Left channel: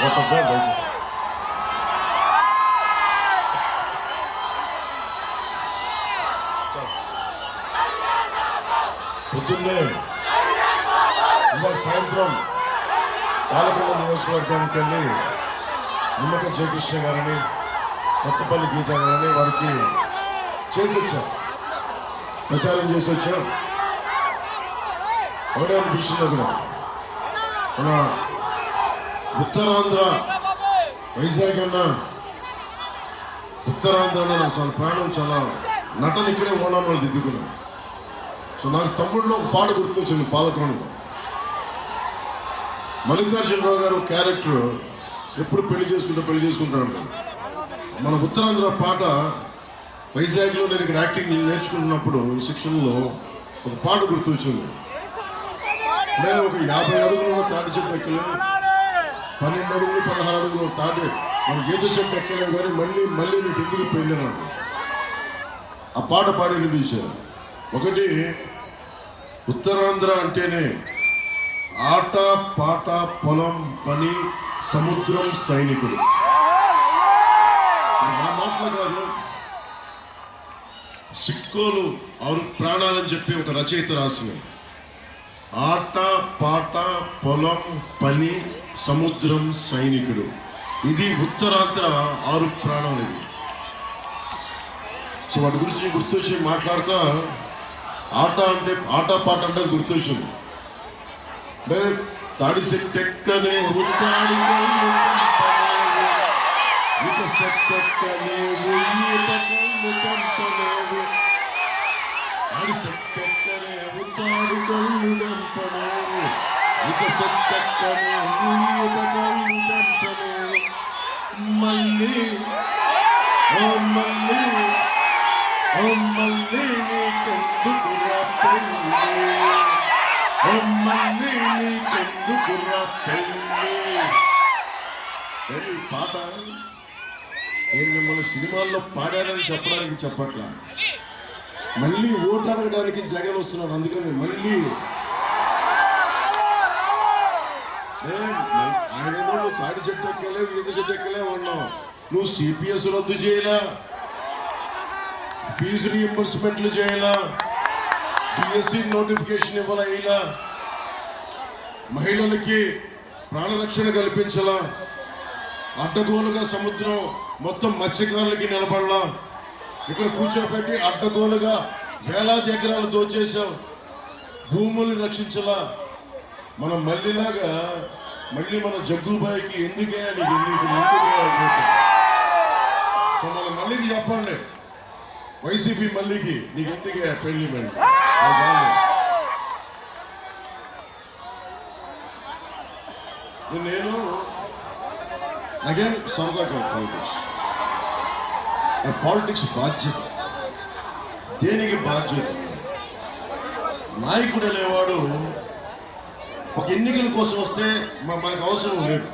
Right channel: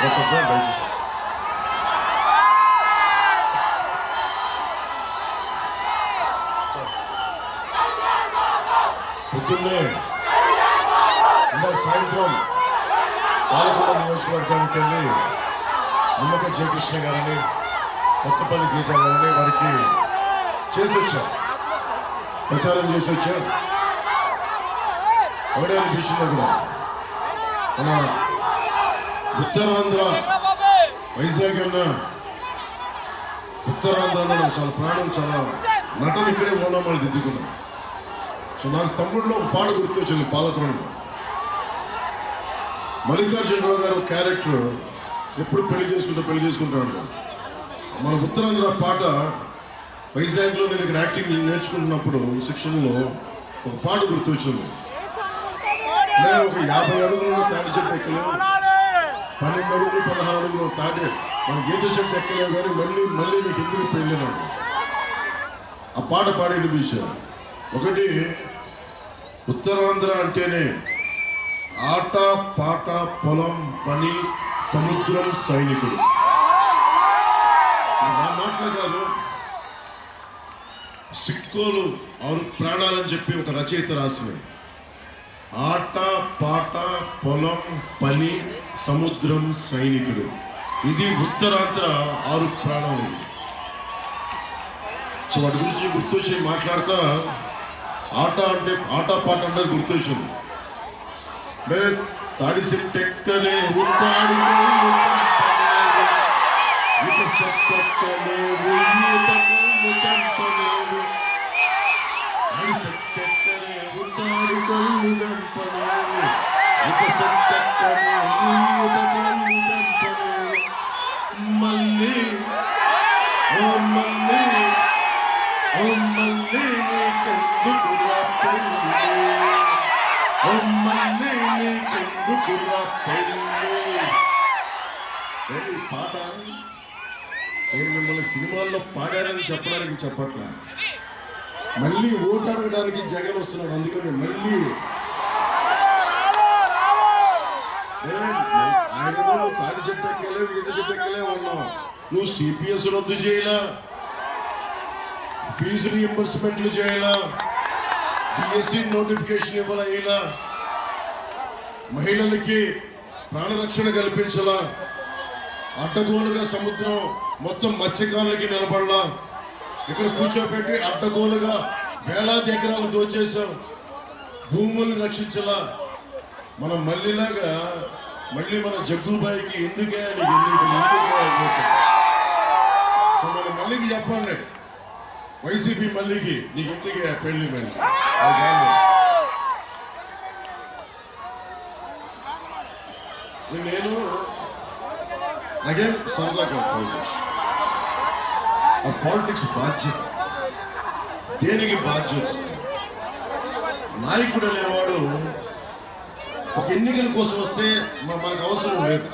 కొట్టద్దు దయచేసి. పొద్దున్నే ఇంకా సాయంత్రం పాలకొండ నియోజకవర్గానికి వెళ్ళి నిమ్మకాయ జయకృష్ణ గారిని కొత్తపల్లి గీత గారిని వారికి చేసి వచ్చా, ప్రచారం చేసి వచ్చా. ఒకటే అనిపించింది కూడా మన ఉత్తరాంధ్ర వైజాగ్ అన్న ఉత్తరాంధ్ర అన్న నాకు చాలా ప్రాణం, చాలా నటన ఇక్కడే ఓనాం వాళ్ళు దిద్దుకున్నాం. సో నాకు తమ్ముడిలో ఒక పాట గుర్తొచ్చింది. పాలకొండలో మల్లికార్జునరావు గారు క్యారెక్టర్ ఎప్పుడు పెళ్లి చేసుకుంటూ ఉంటాడు. మన ఉత్తరాంధ్ర పాట వైజాగ్లో నేను ఇక్కడ యాక్టింగ్ నేర్చుకుంటున్నప్పుడు శిక్షణలో ఒక పాట గుర్తొచ్చింది. నేను ఒక 50 అడుగులు తాటి చెట్టు ఎక్కలేదు, 12 అడుగులు 16 అడుగులు తాటి మన గీత చెట్టు ఎక్కలేవు, కానీ మళ్ళీ నీకు ఎందుకు పెళ్ళినాడు ఆ పాట పాడి వినిపించారు. ఒకటి, ఉత్తరాంధ్ర అంటేనే ఆట పాట పొలం పని సముద్రం సైనికుడు. నా మాటలు కాదు, సిక్కోలు 6 ప్రాణాలని చెప్పి ఒక రచయిత రాసినాయి. ఆట పాట పొలం పని సముద్రం సైనికుడు, ఇది ఉత్తరాంధ్ర 6 ప్రాణాలు. సో వాటి గురించి గుర్తొచ్చి మాట్లాడుతా, ఆట పాట అంటే గుర్తొచ్చింది. అంటే తాడి సెట్టెక్కనే ఇక సెట్టెక్కలేవు సెట్టెక్కనే ఉత్తాడి కళ్ళు దంపలేవు ఇక సెట్టెక్కనే కళ్ళు దంపలేవు మళ్ళీ ఓ మళ్ళీ నీకెందుకు పెళ్ళి ఓ మళ్ళీ నీకెందుకు పెళ్ళి. పాట నేను మిమ్మల్ని సినిమాల్లో పాడారని చెప్పడానికి చెప్పట్లా, మళ్ళీ ఓటు అడగడానికి జగన్ వస్తున్నాడు. అందుకని మళ్ళీ ఆయనేమో నువ్వు తాడి చెట్టు ఎక్కలే ఈత చెట్టు ఎక్కలే ఉన్నావు, నువ్వు సిపిఎస్ రద్దు చేయలా, ఫీజు రీఎంబర్స్మెంట్లు చేయలా, డిఎస్సి నోటిఫికేషన్ ఇవ్వాలా, మహిళలకి ప్రాణరక్షణ కల్పించాలా, అడ్డగోలుగా సముద్రం మొత్తం మత్స్యకారులకి నిలబడలా, ఇక్కడ కూర్చోబెట్టి అడ్డగోలుగా వేలాది ఎకరాలు దోచేసావు, భూముల్ని రక్షించలా. మనం మళ్ళీలాగా మన జగ్గుబాయికి ఎందుకే సో మనం మళ్ళీకి చెప్పండి, వైసీపీ మళ్ళీకి నీకు ఎందుకే పెళ్లి నేను నాకేం సరదా కాదు. పాలిటిక్స్ బాధ్యత, దేనికి బాధ్యత? నాయకుడు అనేవాడు ఒక ఎన్నికల కోసం వస్తే మనకు అవసరం లేదు,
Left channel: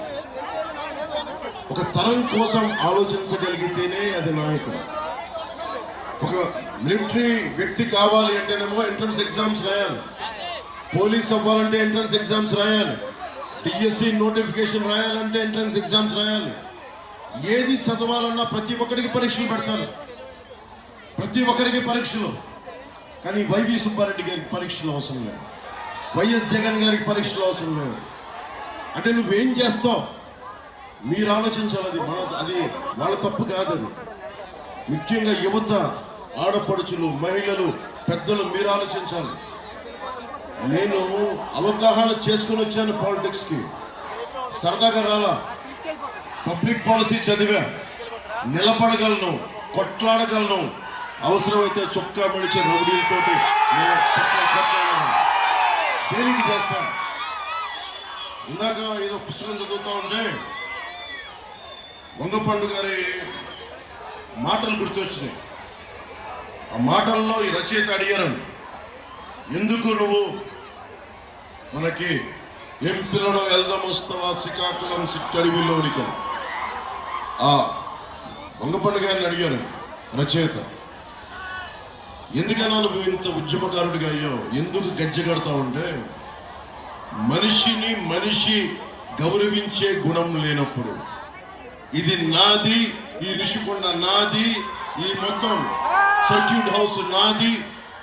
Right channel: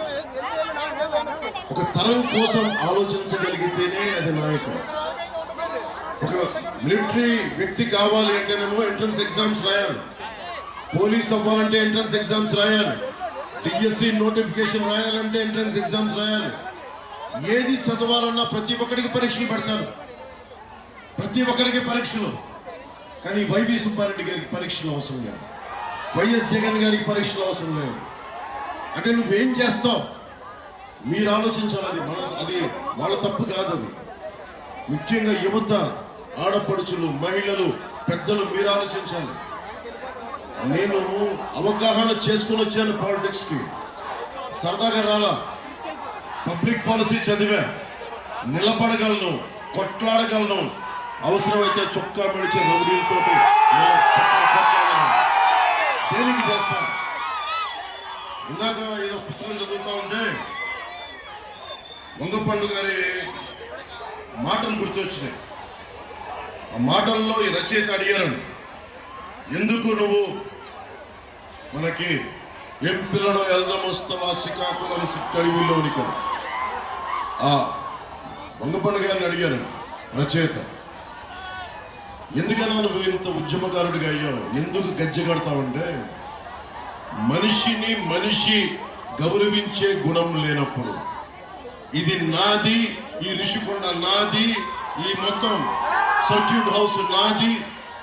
ఒక తరం కోసం ఆలోచించగలిగితేనే అది నాయకుడు. ఒక మిలిటరీ వ్యక్తి కావాలి అంటేనేమో ఎంట్రన్స్ ఎగ్జామ్స్ రాయాలి, పోలీస్ అవ్వాలంటే ఎంట్రన్స్ ఎగ్జామ్స్ రాయాలి, డిఎస్సి నోటిఫికేషన్ రాయాలంటే ఎంట్రన్స్ ఎగ్జామ్స్ రాయాలి. ఏది చదవాలన్నా ప్రతి ఒక్కరికి పరీక్షలు పెడతారు, ప్రతి ఒక్కరికి పరీక్షలు. కానీ వైవి సుబ్బారెడ్డి గారికి పరీక్షలు అవసరం లేదు, వైఎస్ జగన్ గారికి పరీక్షలు అవసరం లేదు. అంటే నువ్వేం చేస్తావు మీరు ఆలోచించాలి. అది వాళ్ళ తప్పు కాదు. అది ముఖ్యంగా యువత, ఆడపడుచులు, మహిళలు, పెద్దలు మీరు ఆలోచించాలి. నేను అవగాహన చేసుకుని వచ్చాను పాలిటిక్స్కి, సరదాగా రాలా. పబ్లిక్ పాలసీ చదివా, నిలబడగలను, కొట్లాడగలను, అవసరమైతే చొక్కా మెడిచే రౌడీలతోటి కొట్లాడగలను. దేనికి చేస్తాను? ఇందాక ఏదో పుస్తకం చదువుతా ఉంటే వంగపండు గారి మాటలు గుర్తొచ్చినాయి. ఆ మాటల్లో ఈ రచయిత అడిగారు, ఎందుకు నువ్వు మనకి ఏం పిల్లడో వెళ్దాం వస్తావా శ్రీకాకుళం సిట్టడివిలోనికి? ఆ వంగపండు గారిని అడిగారు రచయిత, ఎందుకన్నా నువ్వు ఇంత ఉద్యమకారుడిగా అయ్యావు, ఎందుకు గజ్జె కడతావంటే, మనిషి గౌరవించే గుణం లేనప్పుడు, ఇది నాది, ఈ ఋషికొండ నాది, ఈ మొత్తం సర్క్యూట్ హౌస్ నాది,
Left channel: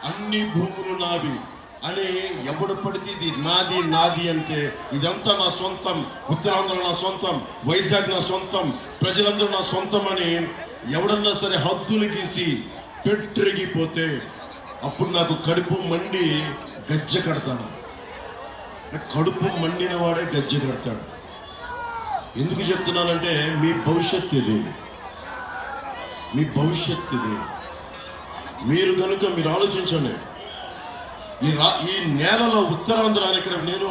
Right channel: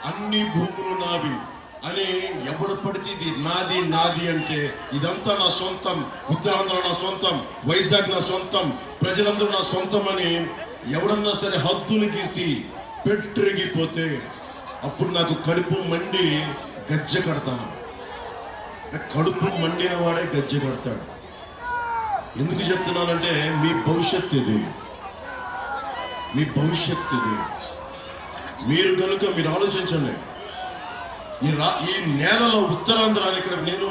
అన్ని భూములు నావి అని ఎవడు పడితే ఇది నాది నాది అంటే, ఇదంతా నా సొంతం, ఉత్తరాంధ్ర నా సొంతం, వైజాగ్ నా సొంతం, ప్రజలందరూ నా సొంతం అని ఎవడన్నా సరే హద్దులు గీసి పెట్టిరిగిపోతే అప్పుడు నాకు కడుపు మండి గజ్జె కడతాను. కడుపు మండిన వాడే గజ్జె కడతాడు. ఎందుకు చెప్తున్నానంటే మీ భవిష్యత్తు ఇది, మీ భవిష్యత్తు ఇది. మీరు కనుక మీరు ఆలోచించండి. ఈ నేలలో ఉత్తరాంధ్ర ఇక్కడ నేను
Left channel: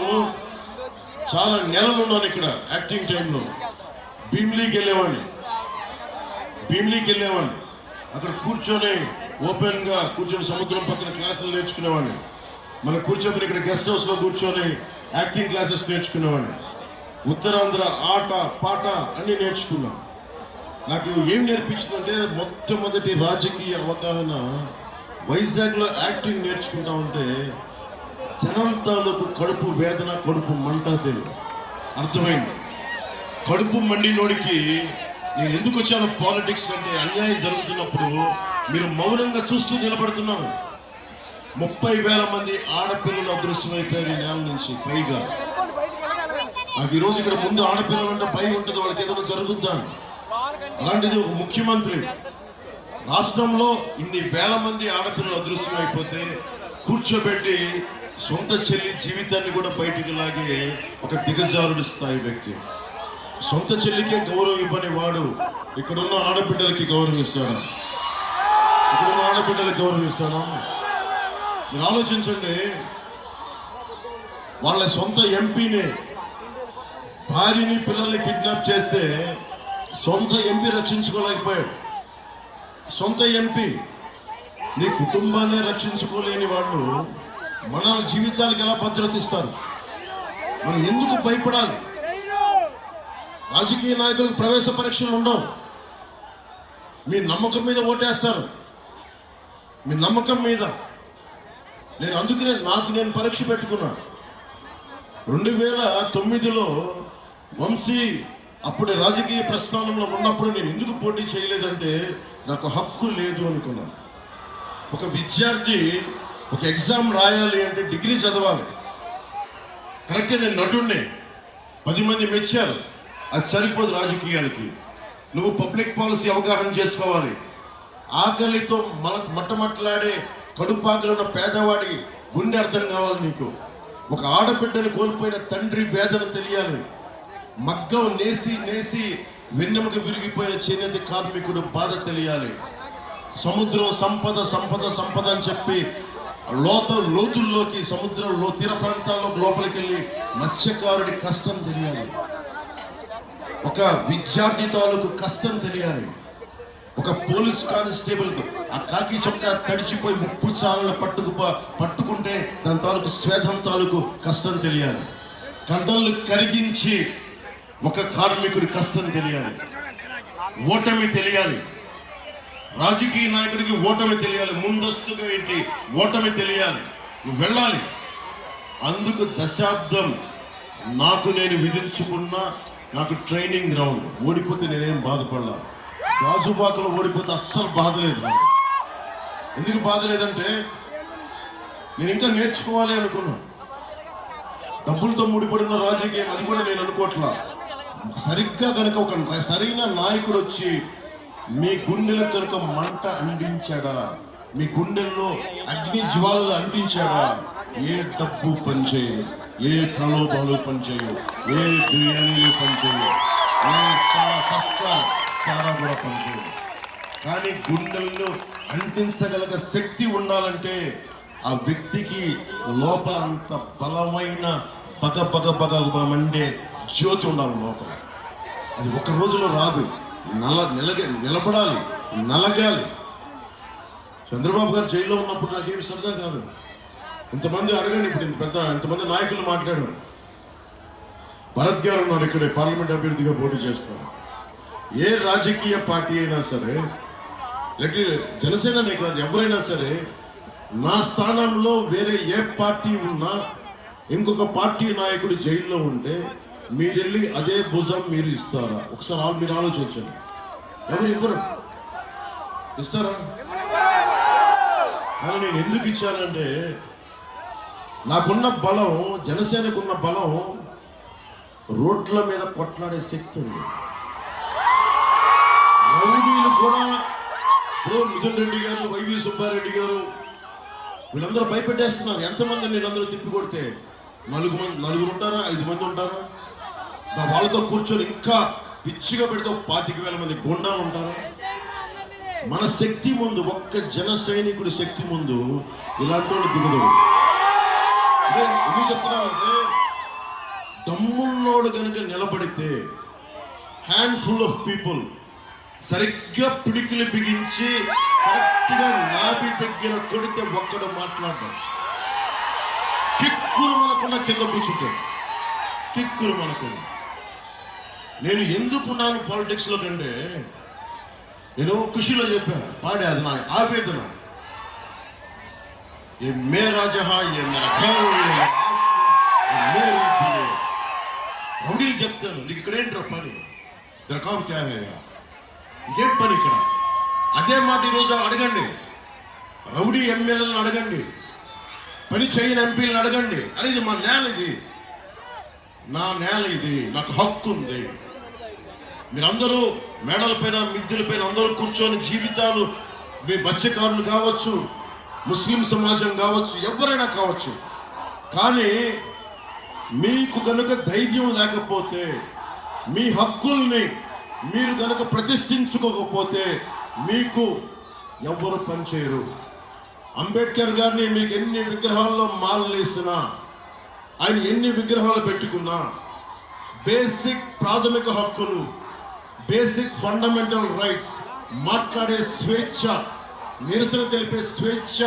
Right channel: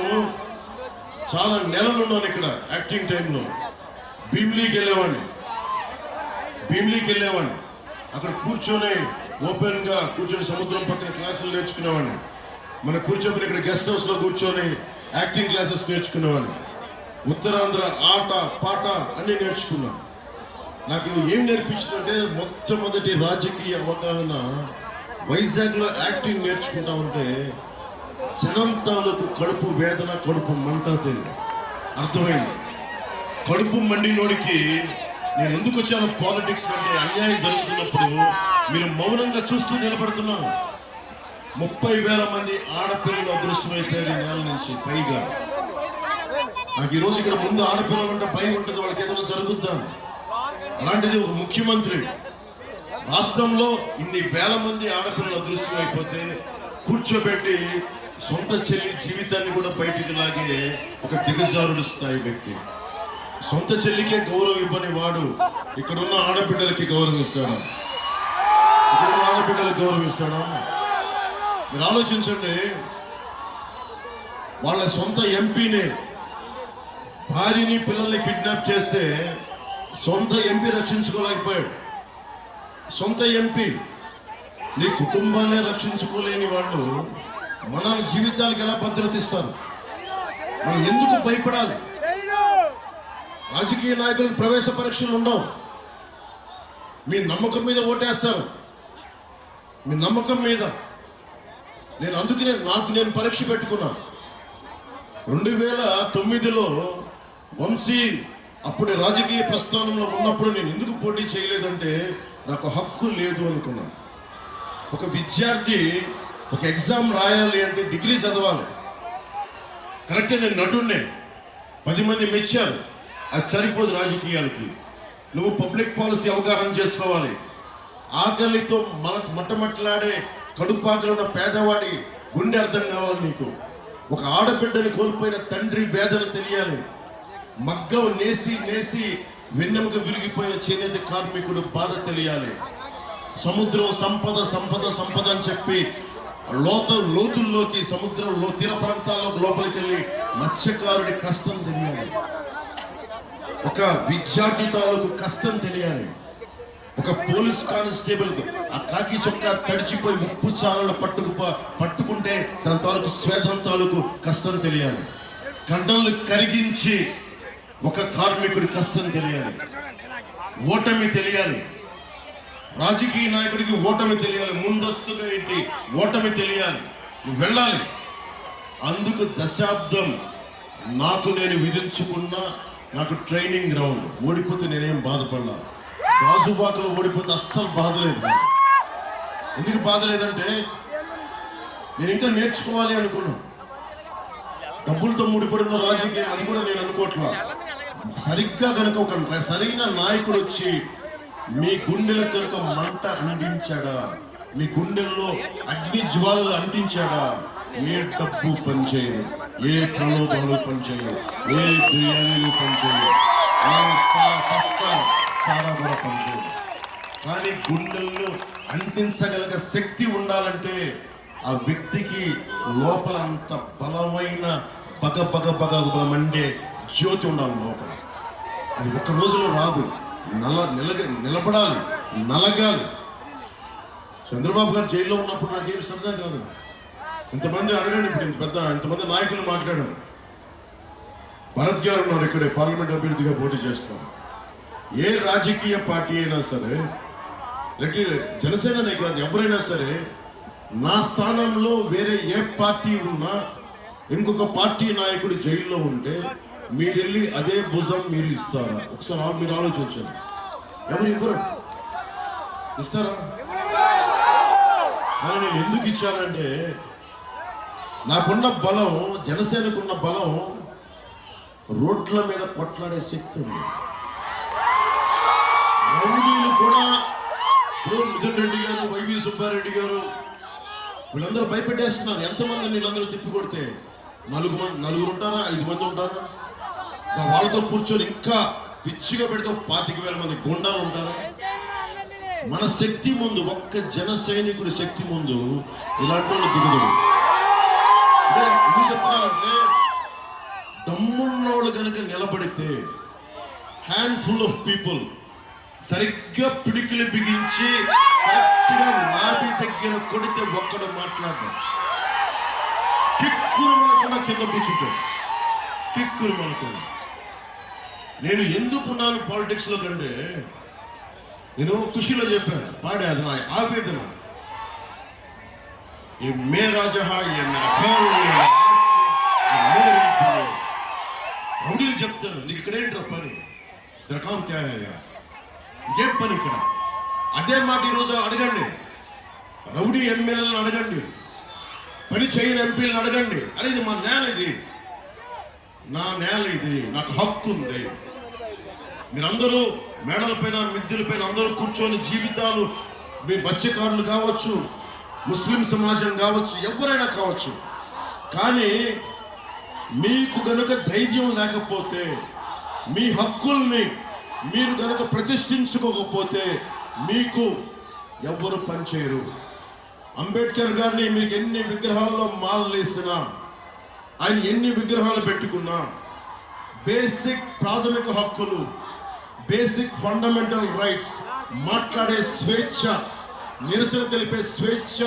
చాలా నెలలు ఉన్నాను. ఇక్కడ యాక్టింగ్ టైంలో భీమిలీకి వెళ్ళేవాడిని. అక్కడ కూర్చొని ఓపెన్గా కూర్చొని సముద్రం పక్కన క్లాసులు నేర్చుకునేవాడిని. మనం కూర్చొని ఇక్కడ గెస్ట్ హౌస్లో కూర్చొని యాక్టింగ్ క్లాసెస్ నేర్చుకునేవాడిని. ఉత్తరాంధ్ర ఆట పాట అన్నీ నేర్చుకున్నాను. నాకు ఏం నేర్పించిందంటే మొట్టమొదటి రాజకీయ అవగాహన వైజాగ్లో యాక్టింగ్ నేర్చుకుంటా ఉంటే జనం తాలూకు కడుపు వేదన, కడుపు మంట తెలియదు అర్థమైంది. కడుపు మండినోడికి నేను ఎందుకు వచ్చాను పాలిటిక్స్ అంటే, అన్యాయం జరుగుతున్నప్పుడు మీరు మౌనంగా చూస్తూ నిలబడుతున్నారు. 30,000 మంది ఆడపిల్లలు అదృశ్యమైపోయారు ఈ నెల నుంచి పైగా. నాకు ఈరోజు ఇక్కడ ముందు ఆడపిల్లలు అంటే భయం ఉంటుంది, వాళ్ళకి ఏదైనా జరుగుద్దాం. అలాంటిది ఒక ముఖ్యమంత్రి రాష్ట్రంలో ఇన్ని వేల మంది ఆడపిల్లలు అదృశ్యమైపోతే కూర్చోబెట్టి సొంత చెల్లి జీవితాన్ని కూడా బయటికి లాగే ఒక దిగజారుడు స్థాయి వ్యక్తి. సొంత చెల్లికే గౌరవం ఇవ్వని వాడు ఇక్కడున్న ఆడబిడ్డలకి గౌరవం ఇస్తాడా? ఇక్కడున్న ఆడబిడ్డలకు గౌరవం ఇస్తాడా? మీరు ఆలోచించండి. వాళ్ళ సొంత ఎంపీని, భార్యని, పిల్లల్ని కిడ్నాప్ చేస్తే సొంత ఎంపీ రక్షించుకోలేకపోయాడు. సొంత ఎంపీ, నీ కుటుంబాన్ని రక్షించుకోలేని వాళ్ళు మన జీవితాలకు ఎలా భద్రత ఇస్తారు? మనం ఎందుకు భయపడాలి? రాజకీయ నాయకులకు ప్రవేశ పరీక్షలు ఉండవు. మీ నమ్మకం మీద ఓటేస్తారు, మీ నమ్మకం మీద. నేను అందుకనే నేను పరీక్ష పెట్టుకున్నా. 2009లో వంశీ అప్పుడే రాజకీయ ప్రస్థానంలో ఉన్నప్పుడు నేను ఎందుకు పోటీ చేయలేదంటే నాకు హక్కు లేదు అనుకున్నాను. ఒక విద్యార్థి ఒక ఎగ్జామ్ రాయాలి అంటే డిగ్రీ చదవాలి. కరెక్టే, నేను నటుడినే, 10 మంది మెచ్చారు. అది సరిపోదు రాజకీయాలకి. నువ్వు పబ్లిక్ పాలసీ అవగాహన చేసుకోవాలి. ఆకలితో మట్టమట్లాడే కడుపాకలో ఉన్న పేదవాడి గుండె అర్థం కావాలి నీకు. ఒక ఆడబిడ్డని కోల్పోయిన తండ్రి వేదన తెలియాలి. మగ్గం నేసి వెన్నెముక విరిగిపోయిన చేనేత కార్మికుడు బాధ తెలియాలి. సముద్రం సంపద అని చెప్పి లోతుల్లోకి, సముద్రంలో తీర ప్రాంతాల్లో లోపలికి వెళ్ళి మత్స్యకారుడి కష్టం తెలియాలి. ఒక విద్యార్థి తాలూకు కష్టం తెలియాలి. ఒక పోలీస్ కానిస్టేబుల్ ఆ కాకి చొక్కా తడిచిపోయి ఉప్పు చాలను పట్టుకుంటే దాని తాలూకు స్వేదం తాలూకు కష్టం తెలియాలి. కండలు కరిగించి ఒక కార్మికుడి కష్టం తెలియాలి. ఓటమి తెలియాలి. రాజకీయ నాయకుడికి ఓటమి తెలియాలి. ముందస్తుగా ఏంటి ఓటమి తెలియాలి. నువ్వు వెళ్ళాలి. అందుకు దశాబ్దం నాకు నేను విధించుకున్న నాకు ట్రైనింగ్ గ్రౌండ్. ఓడిపోతే నేనేం బాధపడలా. గాజువాకలు ఓడిపోతే అస్సలు బాధ లేదు. ఎందుకు బాధ లేదంటే నేను ఇంకా నేర్చుకోవాలి అనుకున్నా. డబ్బులతో ముడిపడిన రాజకీయం అది కూడా నేను అనుకోవట్లా. సరిగ్గా కనుక ఒక సరైన నాయకుడు వచ్చి మీ గుండెల కనుక మంట అందించాడా, మీ గుండెల్లో అగ్ని జ్వాలలు అందించాడా, ఏ డబ్బు పనిచేయదు, ఏ ప్రలోభాలు పనిచేయవు, ఏ బిర్యానీలు పనిచేయవు, ఏ సారా కూడా పనిచేయదు. కానీ గుండెల్లో అంటించగలిగే శక్తి ఉండాలంటే ఆ వ్యక్తికి లోపల అంత బలమైన బగ మండే జ్యోతి ఉండాలి లోపల. అది ఒక రోజులో రాదు. నిలబడాలి, నలగాలి. చంద్రబాబు గారు జైల్లో ఉన్నప్పుడు నాకేమి సరదా కాదు. ఇంతమంది అడగండి, ఇప్పుడు ఇంతమంది నాయకులు మాట్లాడారు. భరత్ గారు ఉన్నారు ఇక్కడే, పార్లమెంట్ అభ్యర్థిగా పోటీ చేస్తారు. ఏ రాజకీయ పార్టీ అయినా సరే, జనసేననే కాదు, ఎవరైనా సరే నా స్థానంలో వేరే ఏ పార్టీ ఉన్నా, ఇంకొక పార్టీ నాయకుడు జైల్లో ఉంటే మీరు వెళ్ళి అదే భుజం మీరు ఇస్తారా? ఒకసారి మీరు ఆలోచించండి. ఎవరు ఇవ్వరు, ఇస్తారా? కానీ నేను ఎందుకు ఇచ్చానంటే నాకున్న బలం, జనసేనకున్న బలం రోడ్ల మీద కొట్లాడే శక్తి ఉంది. రౌడీలు కూడా ఇప్పుడు మిథున్ రెడ్డి గారు, వైవి సుబ్బారెడ్డి గారు వీళ్ళందరూ భయపెట్టేస్తున్నారు. ఎంతమంది వీళ్ళందరూ తిప్పి కొడితే నలుగురు ఉంటారా, 5 మంది ఉంటారా? వాళ్ళతో కూర్చొని ఇంకా పిచ్చిగా పెడితే 25,000 మంది గుండాలు ఉంటారా? మన శక్తి ముందు, ఒక్క జన సైనికుడి శక్తి ముందు ఇలాంటి వాళ్ళు దిగుదడు. ఎందుకు చెప్తున్నానంటే దమ్మున్నోడు కనుక నిలబడితే హ్యాండ్ఫుల్ ఆఫ్ పీపుల్ సరిగ్గా పిడికిలు బిగించి కరెక్ట్గా నాభి దగ్గర కొడితే ఒక్కడు మాట్లాడడం, కిక్కురు మనకుండా కింద కూర్చుంటాడు, కిక్కురు మనకుండా. నేను ఎందుకున్నాను పాలిటిక్స్లో కంటే నేను ఖుషిలో చెప్పా, పాడే, అది నా ఆవేదన. ఏ మేరా జహా, ఏ మేరా ఘర్, ఏ మేరా ఆశ, ఏ మేరీ దిల్. రౌడీలు చెప్తాను, నీకు ఇక్కడ ఏంట్రా పని, దరకాం క్యా హై, నీకేం పని ఇక్కడ? అదే మాట ఈరోజు అడగండి, రౌడీ ఎమ్మెల్యేలను అడగండి, పని చేయని ఎంపీలను అడగండి. అరే ఇది మా నేల, ఇది నా నేల, ఇది నాకు హక్కు ఉంది. మీరందరూ మేడలపైన, మిద్దెలపైన అందరూ కూర్చొని జీవితాలు, మీ మత్స్యకారులు కావచ్చు, ముస్లిం సమాజం కావచ్చు, ఎవరైనా కావచ్చు, కానీ మీకు గనుక ధైర్యం లేకపోతే, మీ హక్కుల్ని మీరు గనుక ప్రతిష్ఠించుకోకపోతే మీకు ఎవరు పనిచేయరు. అంబేద్కర్ గారిని మీకు ఎన్ని విగ్రహాల్లో మాలలు వేసినా, ఆయన ఎన్ని విగ్రహాలు పెట్టుకున్నా, బేసిక్ ప్రాథమిక హక్కులు, బేసిక్ ఫండమెంటల్ రైట్స్, మాట్లాడే స్వేచ్ఛ, నిరసన తెలిపే స్వేచ్ఛ,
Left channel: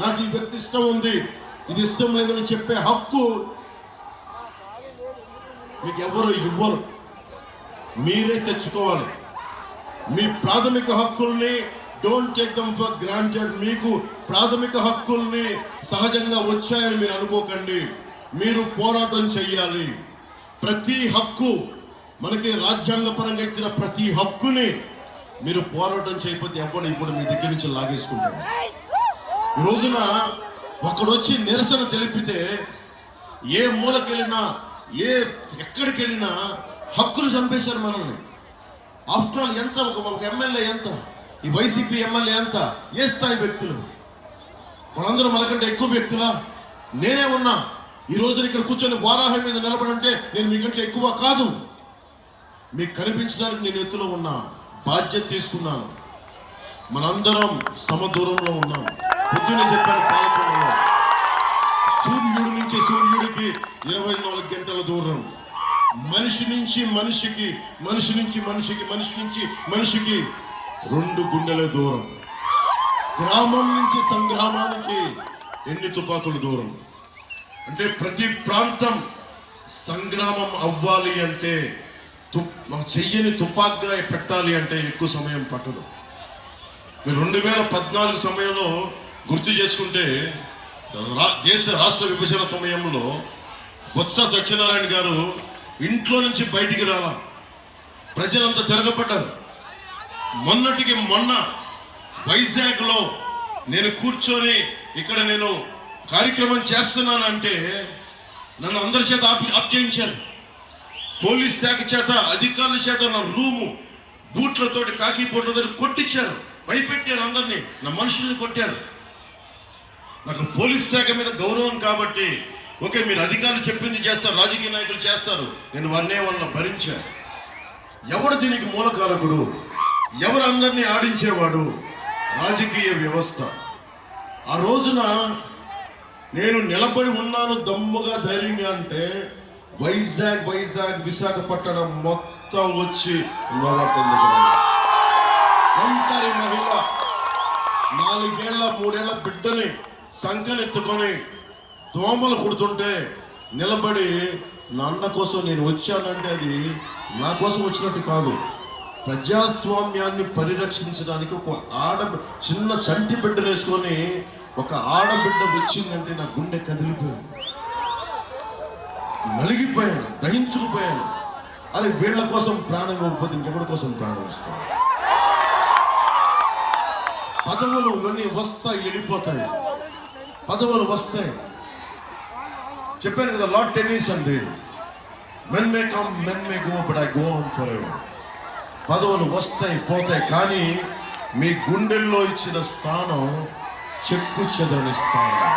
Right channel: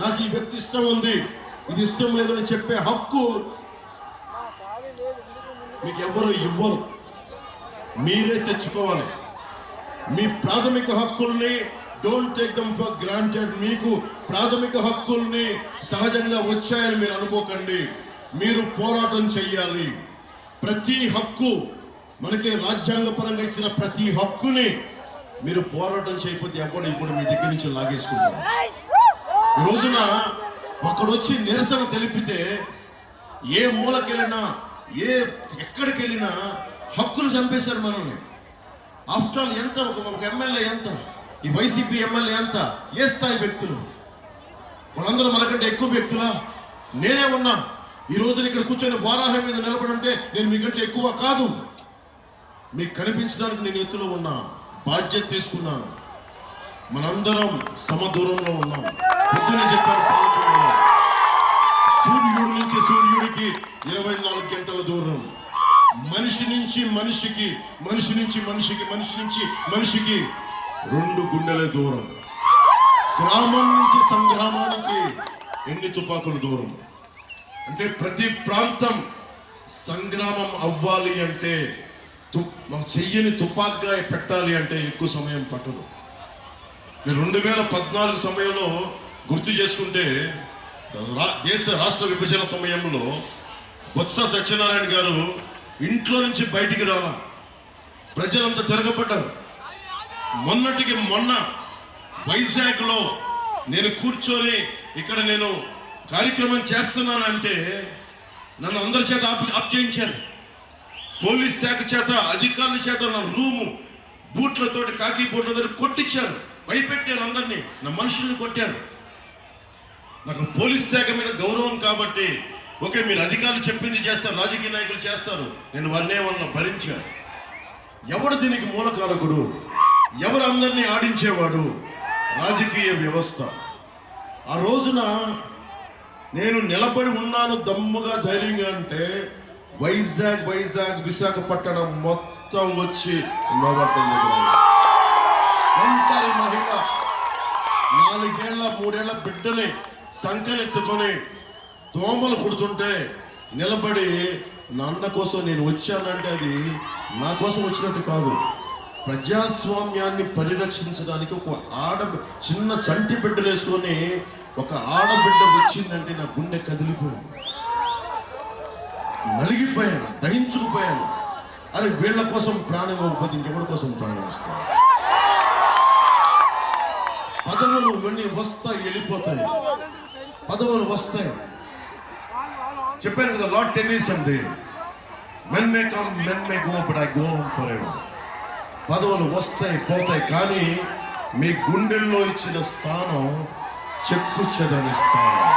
నాకు ఈ వ్యక్తి ఇష్టం ఉంది, ఇది ఇష్టం లేదని చెప్పే హక్కు మీకు ఎవరు ఇవ్వరు, మీరే తెచ్చుకోవాలి. మీ ప్రాథమిక హక్కుల్ని don't take them for granted. మీకు ప్రాథమిక హక్కుల్ని సహజంగా వచ్చాయని మీరు అనుకోకండి, మీరు పోరాటం చెయ్యాలి. ప్రతి హక్కు, మనకి రాజ్యాంగపరంగా ఇచ్చిన ప్రతి హక్కుని మీరు పోరాటం చేయకపోతే ఎవరు ఇప్పుడు మీ దగ్గర నుంచి లాగేసుకుంటారు. ఈ రోజున ఒకడొచ్చి నిరసన తెలిపితే ఏ మూలకెళ్ళినా, ఎక్కడికి వెళ్ళినా హక్కులు చంపేశారు మనల్ని. ఆఫ్టర్ ఆల్ ఎంత, ఒక ఎమ్మెల్యే ఎంత, ఈ వైసీపీ ఎమ్మెల్యే ఎంత, ఏ స్థాయి వ్యక్తులు, వాళ్ళందరూ మనకంటే ఎక్కువ వ్యక్తులా? నేనే ఉన్నా ఈ రోజున ఇక్కడ కూర్చొని వారాహం మీద నిలబడంటే నేను మీకంటే ఎక్కువ కాదు. మీకు కనిపించడానికి నేను ఎత్తులో ఉన్నా, బాధ్యత తీసుకున్నాను. మనందరం సమదూరంలో ఉన్నాం. పొద్దున్నే చెప్పాను, పాల్గొన్నాను. సూర్యుడి నుంచి సూర్యుడికి 24 గంటల దూరం, మనిషి నుంచి మనిషికి, మనిషి నుంచి మనిషికి, మనిషి నుంచి మనిషికి 2 గుండెల దూరం. గ్రామం నుంచి సంగ్రామానికి ఎన్ని తుపాకుల దూరం. అంటే ప్రతి ప్రాంతం సంగ్రామం అవ్వాలి అంటే, చెయ్యని తుపాక్గా పెట్టాలి అంటే ఎక్కువ సమయం పట్టదు. మీరు 2014 సమయంలో గుర్తు చేసుకుంటే, దేశ రాష్ట్ర విభజన సమయంలో బొత్స సత్యనారాయణ గారు ఇంట్లో నుంచి బయటికి రాలా, ప్రజలంతా తిరగబడ్డారు. మొన్నటికి మొన్న వైజాగ్లో నేను కూర్చొని ఇక్కడ నేను కార్యక్రమం చేస్తున్నానంటే నన్ను అందరి చేత ఆప్ చేయించారు. పోలీస్ శాఖ చేత, అధికారుల చేత నా రూము బూట్లతోటి, కాకి బూట్లతో కొట్టించారు, భయపెట్టారు అందరినీ, నా మనుషుల్ని కొట్టారు. నాకు పోలీస్ శాఖ మీద గౌరవం కాబట్టి, ఓకే మీరు అధికారులు చెప్పింది చేస్తారు, రాజకీయ నాయకులు చేస్తారు, నేను వారినే వాళ్ళ భరించాను. ఎవడు దీనికి మూలకారకుడు, ఎవరు అందరినీ ఆడించేవాడు? రాజకీయ వ్యవస్థ. ఆ రోజున నేను నిలబడి ఉన్నాను దమ్ముగా, ధైర్యంగా అంటే వైజాగ్ విశాఖపట్నం మొత్తం వచ్చి ఒంటరి మహిళ 4 ఏళ్ల 3 ఏళ్ల బిడ్డని సంకనెత్తుకొని దోమలు కుడుతుంటే నిలబడి నా అన్న కోసం నేను వచ్చానంటే అది నా కోసం వచ్చినట్టు కాదు. ప్రజాస్వామ్యాన్ని పరిరక్షించడానికి ఒక చిన్న చంటి బిడ్డను వేసుకొని ఒక ఆడబిడ్డ వచ్చిందంటే నా గుండె కదిలిపోయింది. నలిగిపోయాను, దహించుకుపోయాను. అరే వీళ్ళ కోసం ప్రాణం ఇవ్వకపోతే ఇంకెవరి కోసం ప్రాణం ఇస్తాను? పదవులు ఇవన్నీ వస్తాయి, వెళ్ళిపోతాయి. పదవులు వస్తాయి. చెప్పాను కదా, లార్డ్ టెన్నిస్ అంది, men may come men may go but I go on for ever. పదవులు వస్తాయి, పోతాయి, కానీ మీ గుండెల్లో ఇచ్చిన స్థానం చెక్కు చెదరని స్థానం.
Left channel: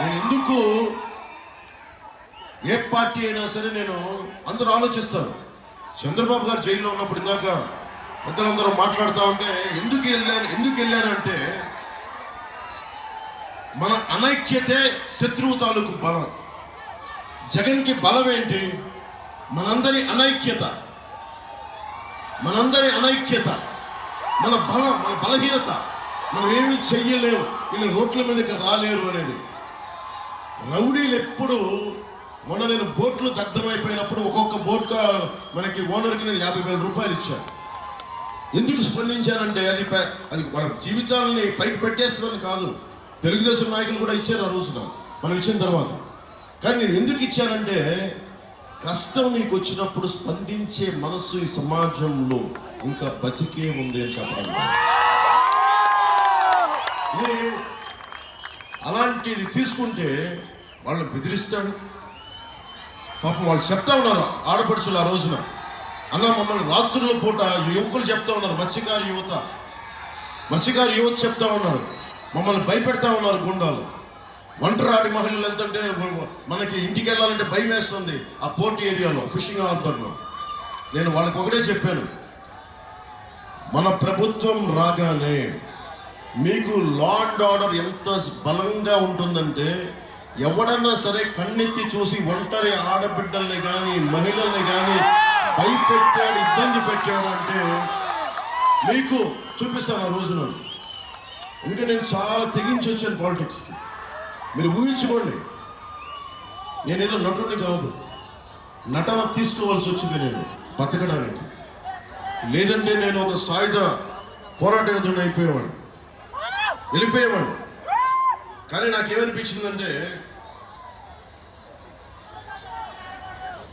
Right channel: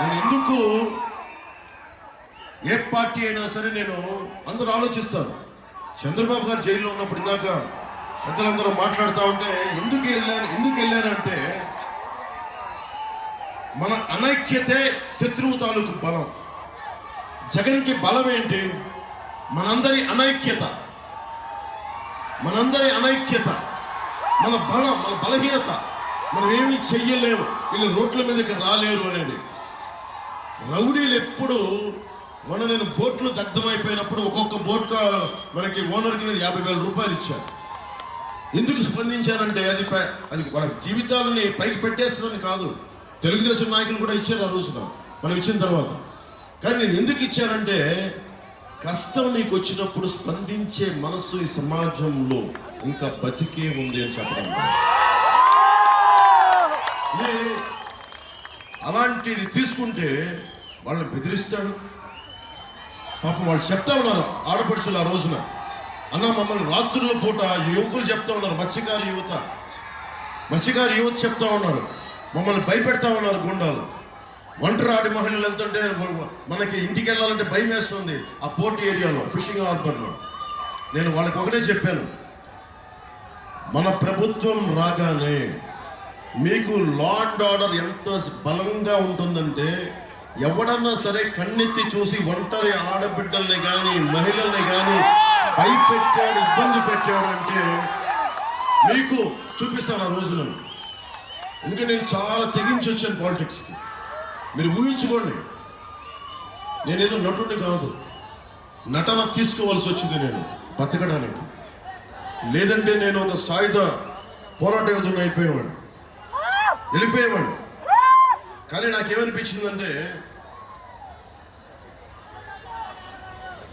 నేను ఎందుకు ఏ పార్టీ అయినా సరే, నేను అందరూ ఆలోచిస్తాను. చంద్రబాబు గారు జైల్లో ఉన్నప్పుడు ఇందాక పెద్దలందరూ మాట్లాడుతూ ఉంటే ఎందుకు వెళ్ళారంటే మన అనైక్యతే శత్రువు తాలూకు బలం. జగన్కి బలం ఏంటి? మనందరి అనైక్యత, మన బలం, మన బలహీనత. మనం ఏమీ చెయ్యలేము, వీళ్ళు రోడ్ల మీదకి రాలేరు అనేది. రౌడీలు ఎప్పుడు నేను బోట్లు దగ్ధమైపోయినప్పుడు ఒక్కొక్క బోట్గా మనకి ఓనర్కి నేను 50,000 రూపాయలు ఇచ్చాను. ఎందుకు స్పందించానంటే అది మన జీవితాలని పైకి పెట్టేస్తుందని కాదు. తెలుగుదేశం నాయకులు కూడా ఇచ్చారు ఆ రోజున, మనం ఇచ్చిన తర్వాత. కానీ నేను ఎందుకు ఇచ్చానంటే, కష్టం నీకు వచ్చినప్పుడు స్పందించే మనస్సు ఈ సమాజంలో ఇంకా బతికే ఉంది అని చెప్పడం. అలాంటిది తీసుకుంటే వాళ్ళని బెదిరిస్తాడు. పాపం వాళ్ళు చెప్తా ఉన్నారు, ఆడపడుచులు ఆ రోజున, అన్న మమ్మల్ని రాత్రుల పూట యువకులు చెప్తా ఉన్నారు, మత్స్యకారు యువత చెప్తా ఉన్నారు, మమ్మల్ని భయపెడతా ఉన్నారు గుండాలు. ఒంటరాడి మహిళలు వెళ్తుంటే మనకి ఇంటికి వెళ్ళాలంటే భయం వేస్తుంది ఆ పోర్ట్ ఏరియాలో, ఫిషింగ్ హార్బర్లో. నేను వాళ్ళకి ఒకటే చెప్పాను, మన ప్రభుత్వం రాగానే మీకు లా అండ్ ఆర్డర్ ఎంత బలంగా ఉంటుందంటే, ఎవడన్నా సరే కన్నెత్తి చూసి ఒంటరి ఆడబిడ్డల్ని కానీ మహిళల్ని కానీ భయపెట్టాడు, ఇబ్బంది పెట్టాడు అంటే మీకు చూపిస్తాను ఆ రోజున. ఎందుకంటే నేను చాలా తెగించి వచ్చాను పాలిటిక్స్కి. మీరు ఊహించుకోండి, నేనేదో నటుడిని కాదు, నటన తీసుకోవాల్సి వచ్చింది నేను బతకడానికి. లేదంటే నేను ఒక సాయుధ పోరాట యోధుడిని వెళ్ళిపోయేవాడిని. కానీ నాకేమనిపించిందంటే,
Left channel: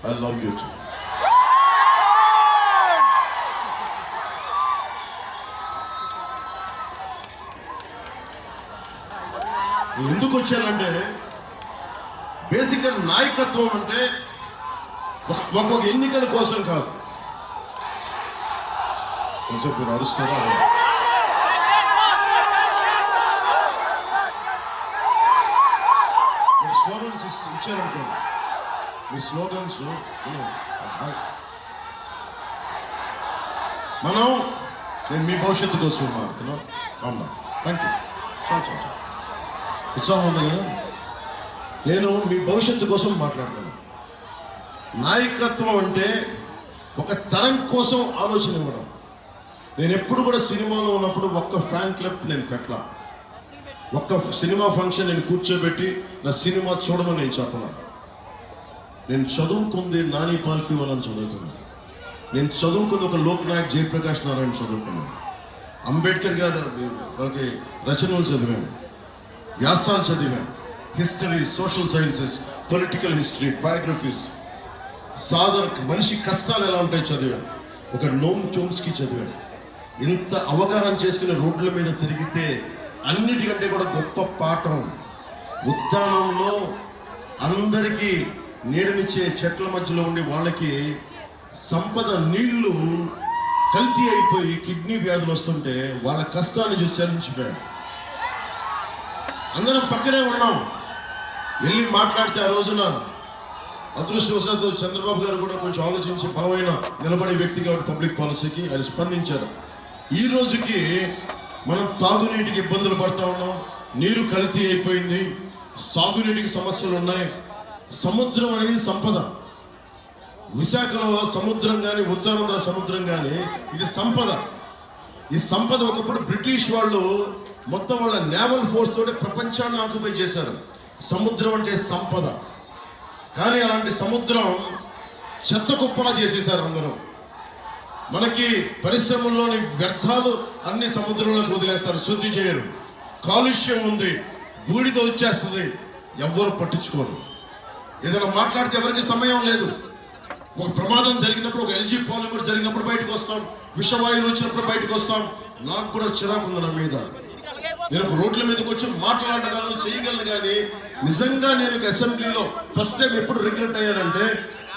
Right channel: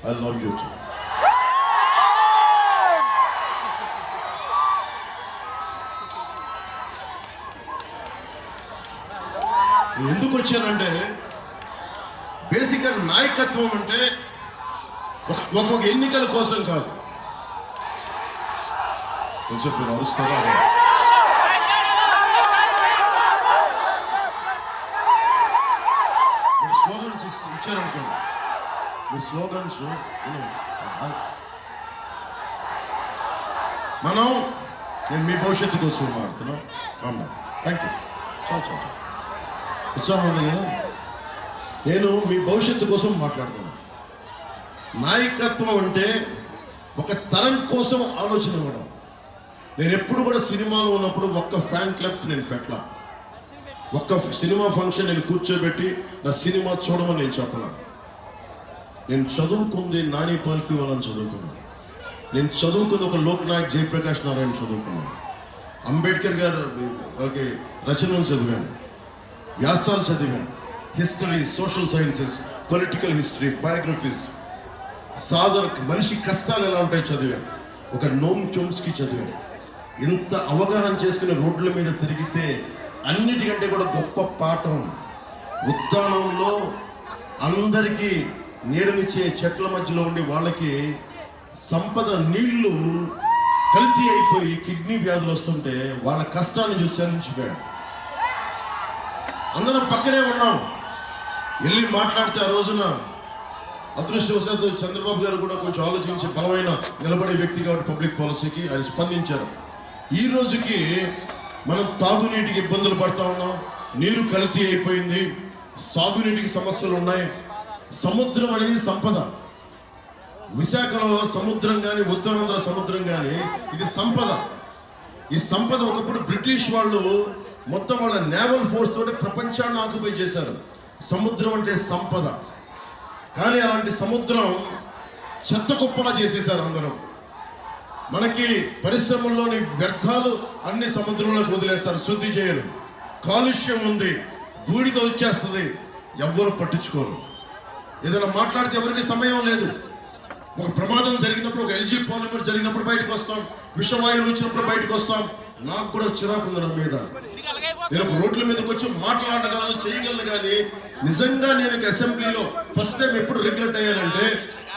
ఐ లవ్ యూ టూ. ఎందుకు వచ్చానంటే, బేసిక్గా నాయకత్వం అంటే ఒక్కొక్క ఎన్నికల కోసం కాదు. కొంచెం మీరు అరుస్తారా? మీరు స్లోగన్స్ ఇచ్చారనుకోండి, మీ స్లోగన్స్ నేను మీ భవిష్యత్తు కోసం మాట్లాడుతున్నాను. కాండా, థ్యాంక్ యూ. చాలా ఉత్సాహం ఉంది కదా. నేను మీ భవిష్యత్తు కోసం మాట్లాడుతున్నాను. నాయకత్వం అంటే ఒక తరం కోసం ఆలోచన ఇవ్వడం. నేను ఎప్పుడు కూడా సినిమాలో ఉన్నప్పుడు ఒక్క ఫ్యాన్ క్లబ్ నేను పెట్టలా. ఒక్క సినిమా ఫంక్షన్ నేను కూర్చోబెట్టి నా సినిమా చూడమని నేను చెప్పలా. నేను చదువుకుంది నాని పాల్కి వాళ్ళని చదువుకున్నాను. నేను చదువుకున్న ఒక లోక్నాయక్ జయప్రకాష్ నారాయణ చదువుకున్నాను. అంబేద్కర్ గారు వాళ్ళకి రచనలు చదివాను, వ్యాసాలు చదివాను, history, social sciences, political history, biographies, మనిషి కష్టాలు ఎలా ఉంటాయి చదివాను. ఒక నోమ్ చోమ్స్కీ చదివాను. ఇంత అవగాహన చేసుకుని రోడ్ల మీద తిరిగితే అన్నిటికంటే కూడా గొప్ప పాఠం, ఉద్యానంలో అందరికీ నీడనిచ్చే చెట్ల మధ్యలో ఉండి వాళ్ళకి సంపద నీళ్లు కల్తీ అయిపోయి కిడ్నీ వ్యాధులు వస్తుంటే వాళ్ళ కష్టాన్ని చూసి చలించిపోయాడు. అందరం పక్కనే ఉన్నాం, వెళ్ళి మాట్లాడితే ఆ రోజున అదృష్టవశాత్తు చంద్రబాబు గారు కూడా కొంచెం ఆలోచించి బలమైన నిలబడే వ్యక్తి కాబట్టి పబ్లిక్ పాలసీకి ఆయన స్పందించారు. ఈ రోజుకి మనం తాగునీటికి ఇబ్బందులు పడతా ఉన్నాం, నీరు కల్తీ అయిపోయింది, సాగునీటికి సమస్యలు ఉన్నాయి. సముద్రం అనేది సంపద. విశాఖలో సముద్రం కానీ, ఉత్తరాంధ్ర సముద్రం కానీ, ఇది సంపద. ఈ సంపద ఒకప్పుడు బ్రిటిష్ వాళ్ళు మొత్తం వాళ్ళ నేవల్ ఫోర్స్ తోటి ప్రపంచాన్ని ఆక్యుపై చేశారు. సముద్రం అంటే సంపద. కానీ అలాంటి సముద్రం చెత్త కుప్పలా చేసేసారు అందరూ. మనకి పరిశ్రమల్లోని వ్యర్థాలు అన్ని సముద్రంలోకి వదిలేస్తారు, శుద్ధి చేయరు. కాలుష్యం ఉంది, బూడిద వచ్చేస్తుంది, ఎవ్వరు పట్టించుకోరు. ఏదైనా మాట్లాడితే ఎవరికి సమయం లేదు. ఒక ప్రమాదం జరిగినప్పుడు, ఒక ఎల్జీ పాలిమర్ జరిగినప్పుడు బయటకు వస్తాం, విషవాయువులు వచ్చినప్పుడు బయటకు వస్తాం. నాకు కూడా చిరాకు ఉంది నా మీద. నేను ఒక రోడ్ల మీదకి వచ్చి మాట్లాడగలను, చేయగలను. కానీ నిజంగా నేను అసెంబ్లీలో ఫస్ట్ టైం ఎప్పుడు రిగ్రెట్ అయ్యానంటే,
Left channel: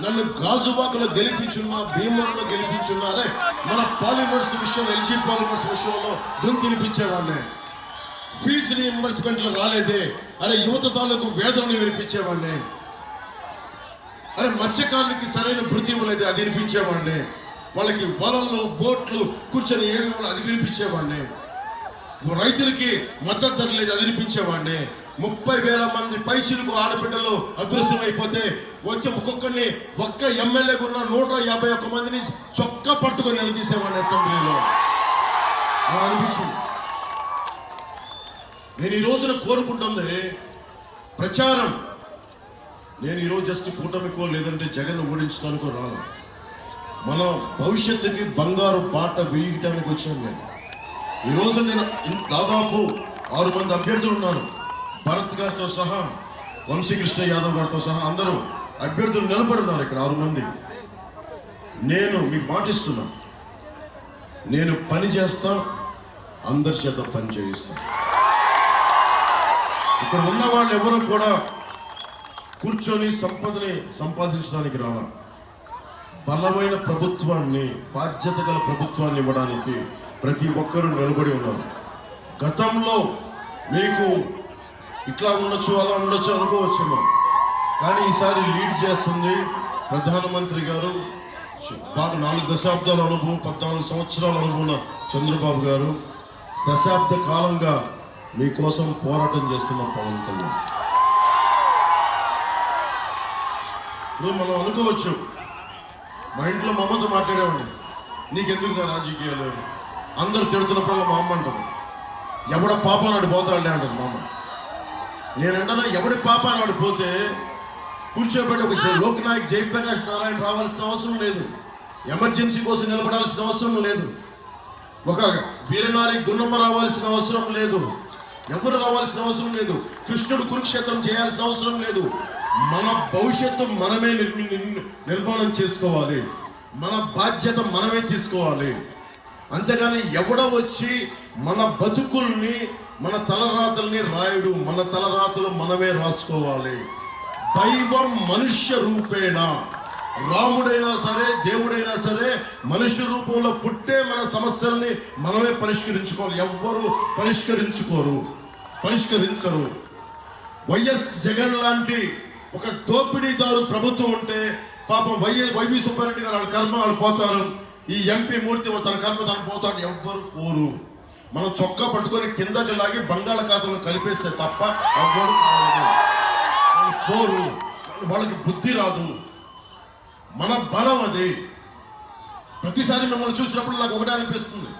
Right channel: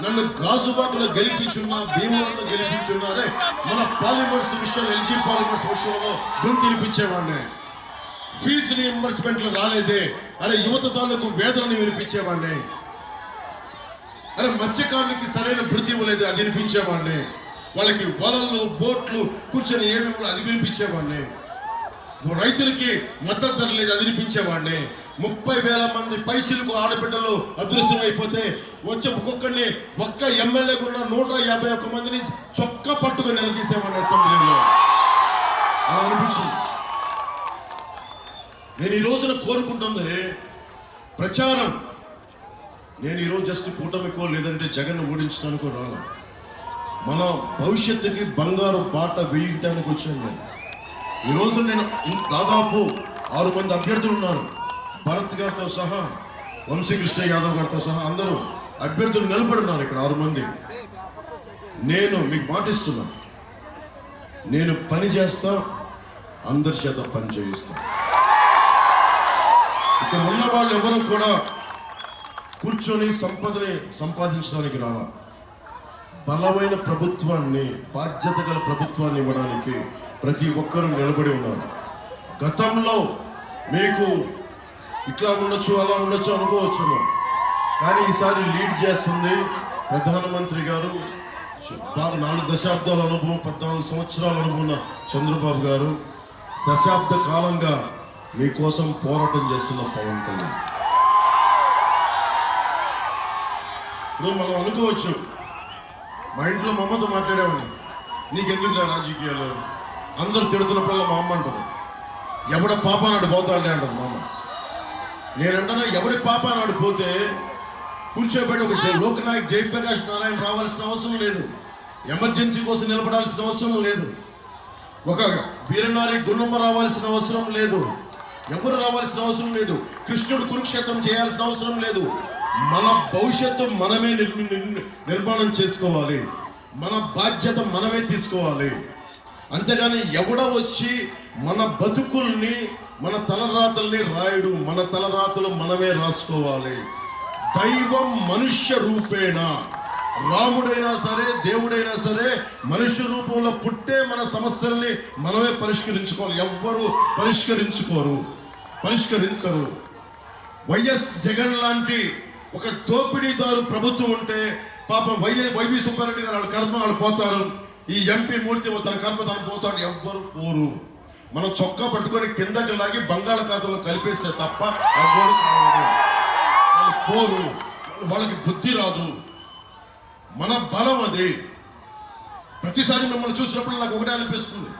నన్ను గాజువాకలో గెలిపించున్నా, భీమవరంలో గెలిపించున్నారే, మన పాలిమర్స్ విషయంలో, ఎల్జీ పాలిమర్స్ విషయంలో తినిపించేవాడిని. ఫీజు రీఎంబర్స్మెంట్లు రాలేదే, అరే యువత తాలూకు వేదనని వినిపించేవాడిని. అరే మత్స్యకారులకి సరైన వృద్ధి ఇవ్వలేదు, అది వినిపించేవాడిని. వాళ్ళకి వలలు, బోట్లు కూర్చొని ఏమి ఇవ్వాలి, అది వినిపించేవాడిని. రైతులకి మద్దతు ధర లేదు, అది వినిపించేవాడిని. 30,000 మంది పైచిలకు ఆడబిడ్డలు అదృశ్యం అయిపోతే వచ్చి ఒక్కొక్కరిని ఒక్క ఎమ్మెల్యేగా ఉన్న 151 మందిని చొక్కా పట్టుకొని నిలదీసేవాడిని అసెంబ్లీలో. అనిపించింది. నేను ఈ రోజున కోరుకుంటుంది ప్రచారం. నేను ఈరోజు జస్ట్ కూటమికో లేదంటే జగన్ ఓడించడానికో రాను. మన భవిష్యత్తుకి బంగారు బాట వేయడానికి వచ్చాను. నేను ఈరోజు నేను దాదాపు 6 మంది అభ్యర్థులు ఉన్నారు. భరత్ గారితో సహా, వంశీకృష్ణ యాదవ్ గారితో సహా అందరూ అభ్యర్థులు నిలబడున్నారు ఇక్కడ 6 మంది. నేను మీకు మాటిస్తున్నా, నేను పని చేస్తా, అందరి చేత పని చేయిస్తా. ఇక్కడ ఉన్న వాళ్ళు ఎవరు కూడా కూర్చొని సంపదని సంపాదించడానికి రావాలి. బలమైన ప్రభుత్వాన్ని, బాధ్యత గల ప్రభుత్వాన్ని ఇవ్వడానికి ప్రతి ఒక్కరూ నిలబడి ఉన్నారు. గతంలో మీకు ఇట్లా ఉండొచ్చు, అలా ఉండొచ్చు అనుకోవచ్చు, కానీ ఈసారి లీడ్ చేస్తుంది ప్రధానమంత్రి గారు. బాగా 4 దశాబ్దాల అనుభవం, 14 సంవత్సరాల అనుభవం ఉన్న చంద్రబాబు గారు. దశాబ్ద కాలంగా మీకోసం పోరాటం చేస్తున్న పవన్ కళ్యాణ్. ఇప్పుడు మనం అనుకోవచ్చు, మా ఇంట్లో మా అమ్మతో మాట్లాడేవాడిని, నీకెందుకులే రాజకీయాలు, అందరు తిడుతున్నప్పుడల్లా మా అమ్మ అంటుంది, ఎవడ పాప నాడు పోతాడులే అంటుంది మా అమ్మ. నేనంటున్నా, ఎవడి పాప నాడు పోతే కూర్చోబెట్టి ఒక లోక్నాయక్ జయప్రకాష్ నారాయణ రావాల్సిన అవసరం లేదు, ఎమర్జెన్సీ కోసం నిలబడాల్సిన అవసరం లేదు, ఒక వీరనారి గుణమ్మ రావాల్సిన అవసరం లేదు, ఎవరు రావాల్సిన అవసరం లేదు, కృష్ణుడు కురుక్షేత్రం చేయాల్సిన అవసరం లేదు. మన భవిష్యత్తు మనమే నిర్మాణం చేసుకోవాలి. మన బాధ్యత మనమే తీసుకోవాలి. అంతేగాని ఎవడో వచ్చి మన బతుకుల్ని, మన తలరాతల్ని రాయుడు. మన తలరాతలు మనమే రాసుకోవాలి. దైవం మనుష్య రూపేణ, రాముడైనా సరే, దేవుడైనా సరే మనుష్య రూపంలో పుట్టే మన సమస్యల్ని మనమే పరిష్కరించుకోవాలి. ఎవ్వరూ పరిష్కరించరు. వైఎస్ జగన్ లాంటి ఒక దోపిడీదారు ప్రభుత్వం ఉంటే పాపం వైవి సుబ్బారెడ్డి గారు వాళ్ళ కర్మ వాళ్ళు పోతారు. ఈ ఎంపీ మూర్తి తన కర్మ తను పోతాడు. ఎవ్వరు పోరు. మనం చొక్కా పట్టుకొని కిందకి లాగి బంగాళాఖాతంలో కలిపేస్తే తప్ప ఎవ్వరు వాళ్ళు పోరు. వాళ్ళకి బుద్ధి రాదు. మన బలం అది. ప్రతిసారి మిమ్మల్ని చూసినప్పుడు నాకు ఒకటే అనిపిస్తుంది,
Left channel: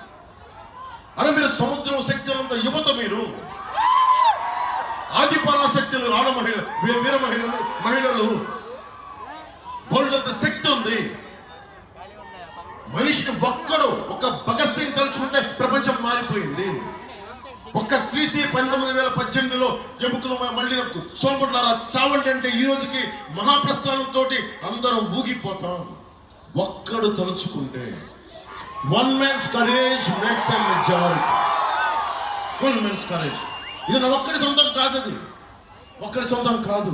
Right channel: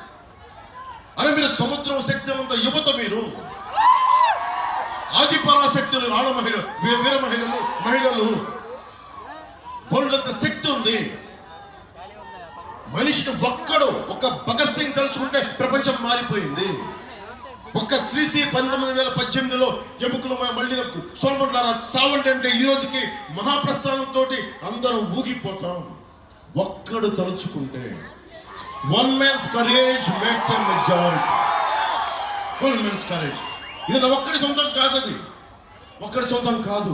అరే మీరు సముద్రం శక్తులంత యువత, మీరు ఆదిపరాశక్తులు, ఆడ మహిళలు, వీర మహిళలు బోల్డంత శక్తి ఉంది. మనిషిని ఒక్కడు, ఒక భగత్ సింగ్ తలుచుకుంటే ప్రపంచం మారిపోయింది. ఒక్క శ్రీశ్రీ 1918లో ఎముకలు మళ్ళీ సోమగుండ్లారా చావండి అంటే ఈ రోజుకి మహాప్రస్థానంతో అందరం ఊగిపోతాం. ఒక్కడు తలుచుకుంటే, one man's courage makes a majority. One man's courage. ఇది నా ఒక్కడి సొంతం కాదు, అది ఒక్కడి సొంతం కాదు.